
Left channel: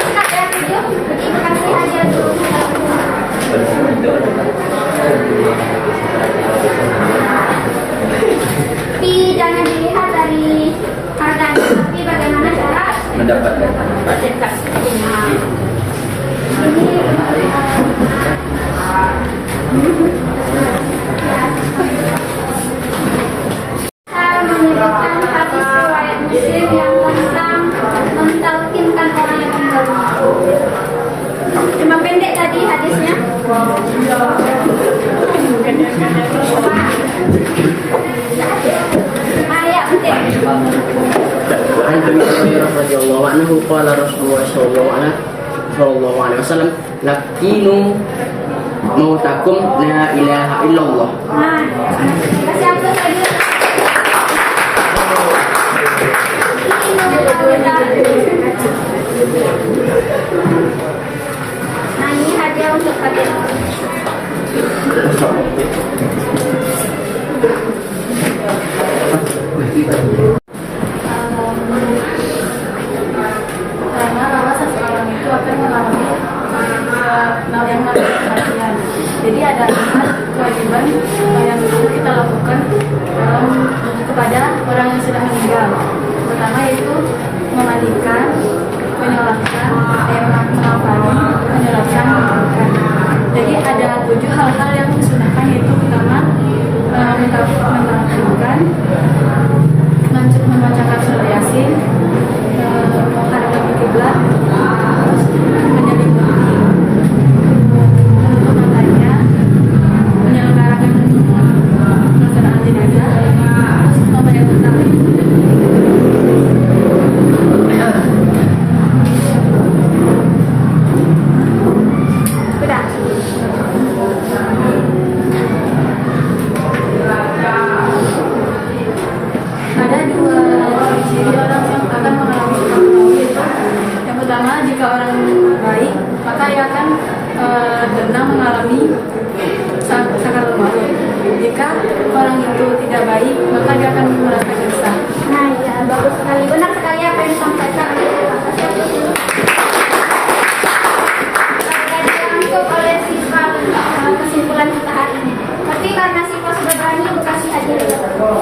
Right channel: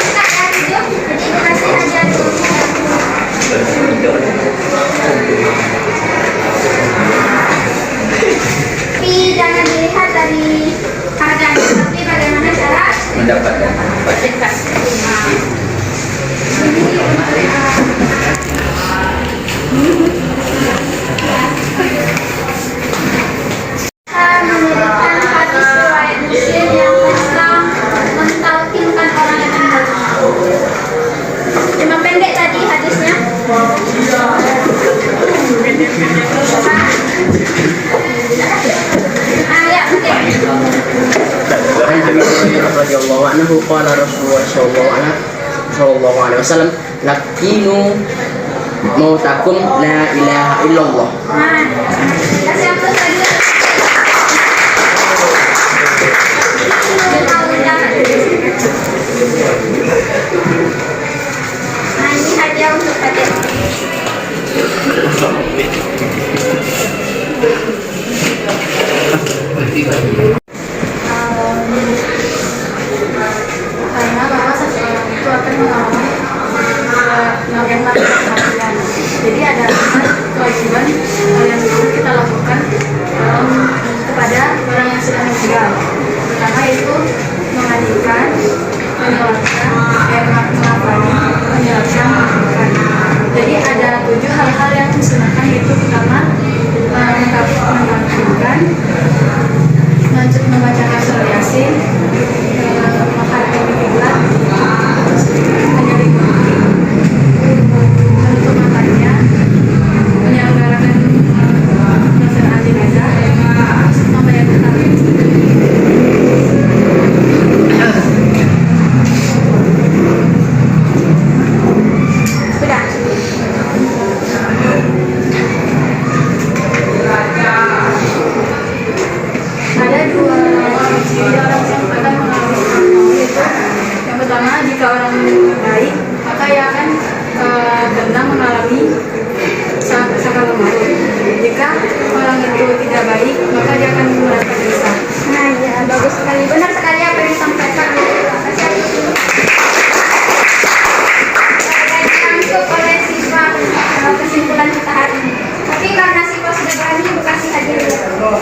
Ustaz ya, tujuh. Jadi kasih aja dulu. Tapi jangan dilihat dari harganya, tapi bagaimana cara mendapatkan menyebutkan hadis riwayat Muslim yang tentang mentalkinkan orang yang meninggal dunia. Cuma pendek tadi hadisnya. Ayat penting. عن ابي هريره رضي الله عنه قال رسول الله صلى الله عليه وسلم لكنوا موتكم لا اله الا الله. Nah, kasih aplaus lagi. Nah, ini hadiah untuk kalian. karena bahwa seseorang itu akan mengalami namanya kematian. Jadi ada 5 kewajiban yang perlu kita lakukan kepada orang yang sudah meninggal. Pertama yaitu memandikan, menyolatkan, mengafani, menjelaskan, menguburkan. Jadi ada 7 hal-hal yang disunahkan, yaitu pertama mentafsirkan, membacakan surat Yasin, menghadap ke kiblat, terus menyelimuti, menutup matanya, menyelenggarakan pelaksanaan jenazah, terus membayar hutang. Sudah. itu tidak baik, maka dia akan menggunakan lisan. Nah, ya, bagus sekali. Benar sekali apa yang disampaikan. Terima kasih. Sudah dirangkum oleh siswa kesimpulan kita hari ini. Tapi karena siswa sudah berani, ibu kasih hadiah dulu.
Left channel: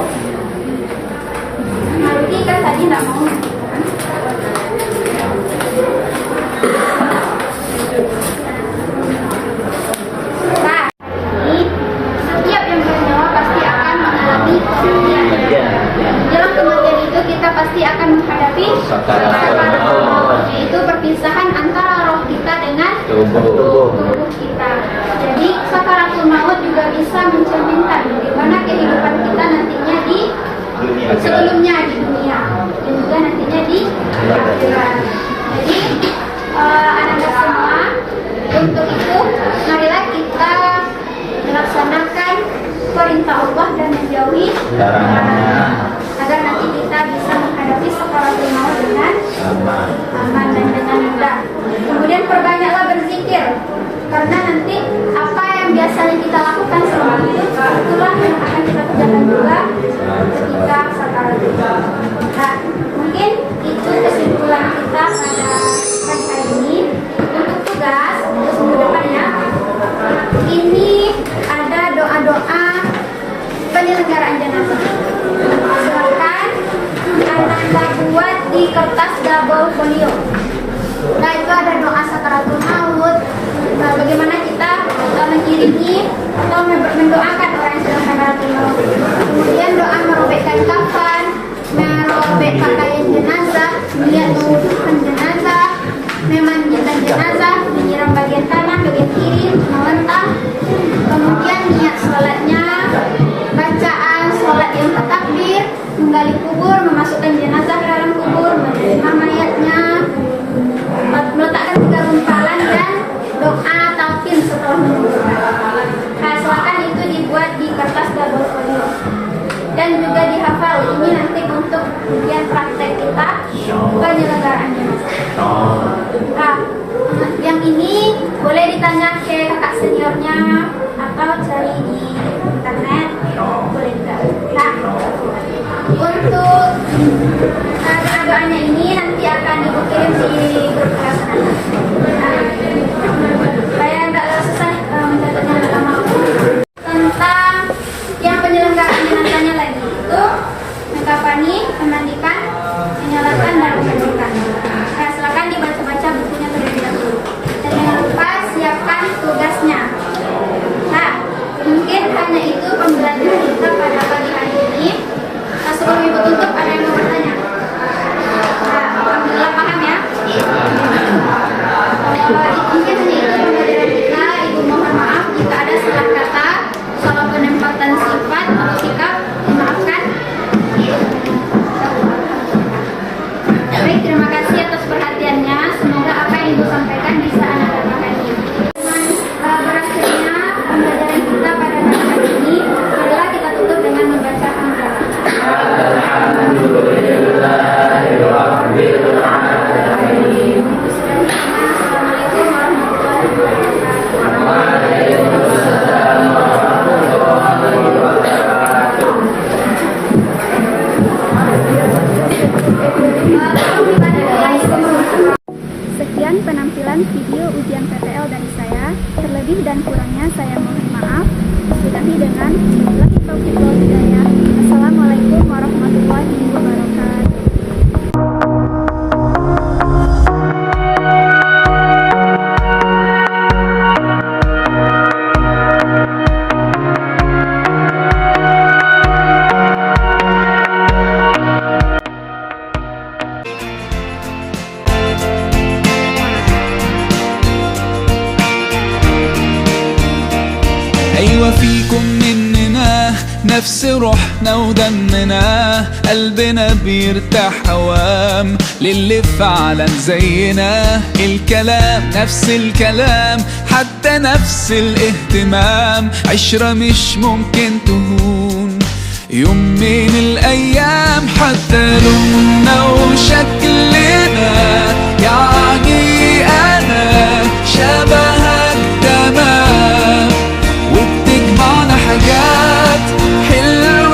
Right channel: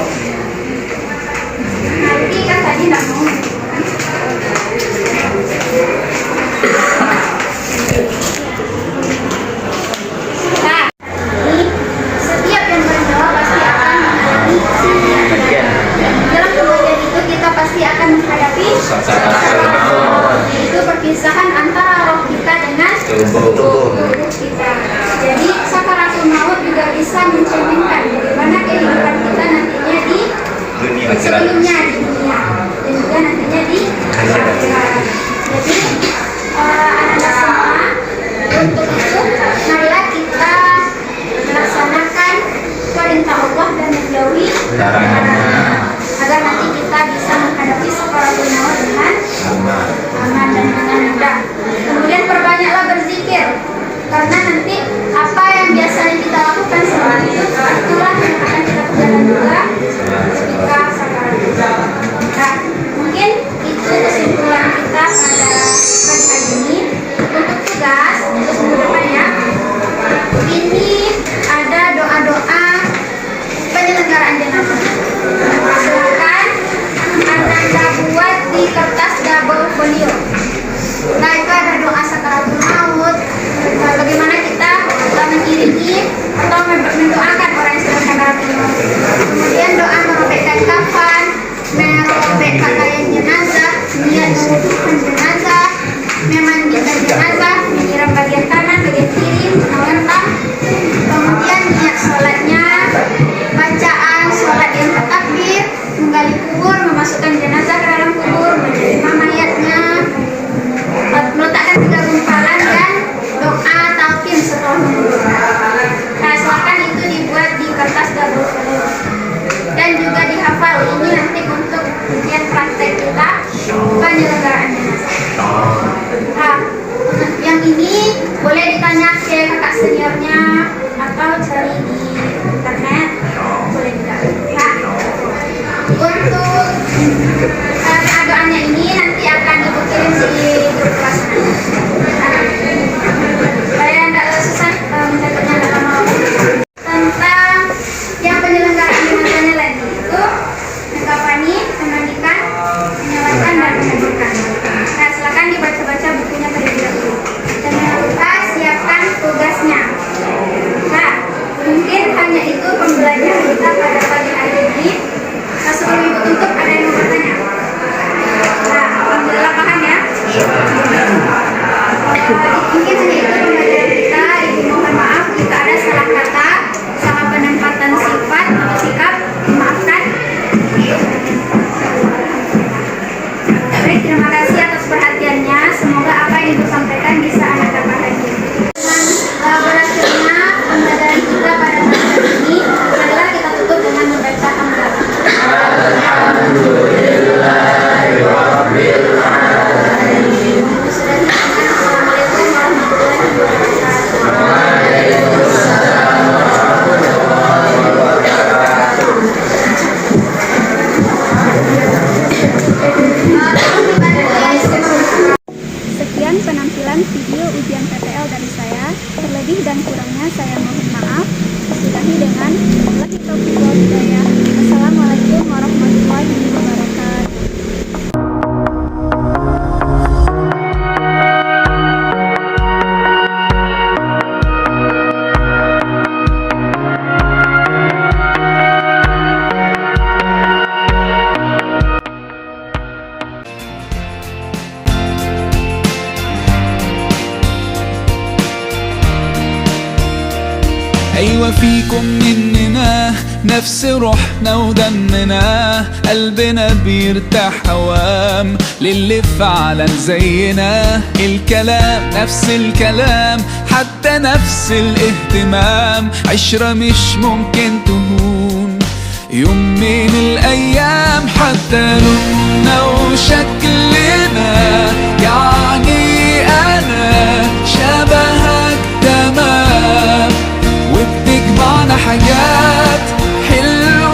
Nah, ini kan tadi tidak mau. Nah, ini setiap yang bernyawa pasti akan mengalami kematian. Dalam kematian itu kita pasti akan menghadapi itu perpisahan antara roh kita dengan tubuh kita. Jadi sakaratul maut juga bisa mencerminkan bagaimana kehidupan kita nantinya di sebelumnya di dunia dan juga nantinya di akhirat. Jadi anak-anak semua, untuk itu marilah kita melaksanakan perintah Allah dan menjauhi larangannya agar nanti kita bisa menghadapi sakaratul maut dengan aman dan dengan mudah. Kemudian perbanyaklah berzikir, karena nanti apa yang biasanya kita lakukan selama itu itulah yang akan kita kerjakan juga ketika sakaratul maut. Nah, mungkin itu kesimpulan kita pada pagi hari ini. Untuk tugas minggu depan ya, ini ada doa-doa penyelenggaraan jenazah. Silakan Anda buat di kertas double folio. Nah, itu ada doa sakaratul maut. Nah, bagaimana kita mengiringi atau mendoakan orang yang sedang sakaratul maut. Kemudian doa merobekkan kafan, merobek pakaian jenazah, niat mengukuhkan jenazah, memandikan jenazah, menyiram bagian kanan, bagian kiri, menentang. Kemudian niat sholatnya, bacaan sholat yang takbir, menggali kubur, memasukkan jenazah ke dalam kubur, menerima mayatnya, meletakkan 3 gumpalan dan doa talqin setelah menguburkan. Nah, silakan itu dibuat di kertas double folio dan juga dihafal. Ini nanti untuk ujian praktek kita penyelenggaraan jenazah. Nah, yang ini boleh ditanya ke kakak seniornya atau cari di internet, boleh juga. Nah, untuk doanya ini nanti akan ibu kirim di grup kelas nanti. Supaya tidak susah mencatatnya, tidak lama. Tentang yang penyelenggaraan jenazahnya lagi itu mengkafani, memandikan, menyalakan dan memandikan. Nah, silakan dibaca-baca bukunya terlebih dahulu. Dan jangan lupa siapkan tugasnya. Nah, mungkin hanya itu pembelajaran kita pada pagi hari ini. Sebelum ibu tutup ada yang mau bertanya. Nah, alhamdulillah paham ya. Mungkin hanya itu pembelajaran kita. Ibu mohon maaf jika ada salah kata, salah penempatan sifat atau sikap, dimaafkan. Baik, terima kasih atas perhatiannya. Semoga apa yang ibu sampaikan bisa anak dapat lagi. Dengan berakhirnya pembelajaran kita pada pagi hari ini, marilah kita tutup dengan membaca hamdalah. Assalamualaikum warahmatullahi wabarakatuh. Sekian penampilan video ujian PTL dari saya. Terlebih dan kurangnya saya mohon maaf. Sudahi dengan wabillahi taufiq wal hidayah. Assalamualaikum warahmatullahi wabarakatuh. أيوة فيكم مننا نفس روحنا ودمنا، قلبنا بيرتاح هوام للي فعلا زينا. الكلام نفس الكلام، حتى نفس الاهتمام، عشرة مش ممكن تهون يوم من الأيام. حتى لوننا وشكلنا، يعني أنا شبهك تمام، وبتجمعنا حاجات حلوة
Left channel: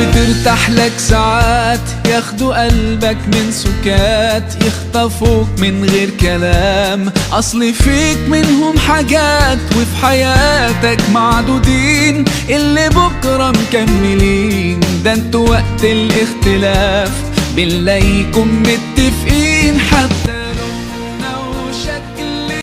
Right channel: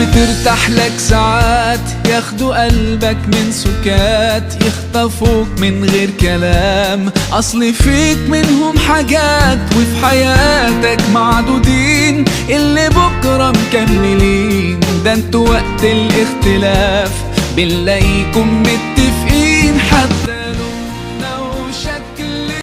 بترتاح لك ساعات، ياخدوا قلبك من سكات، يخطفوك من غير كلام. أصل فيك منهم حاجات وفي حياتك معدودين، اللي بكرة مكملين. ده انتوا وقت الاختلاف بنلاقيكم متفقين حتى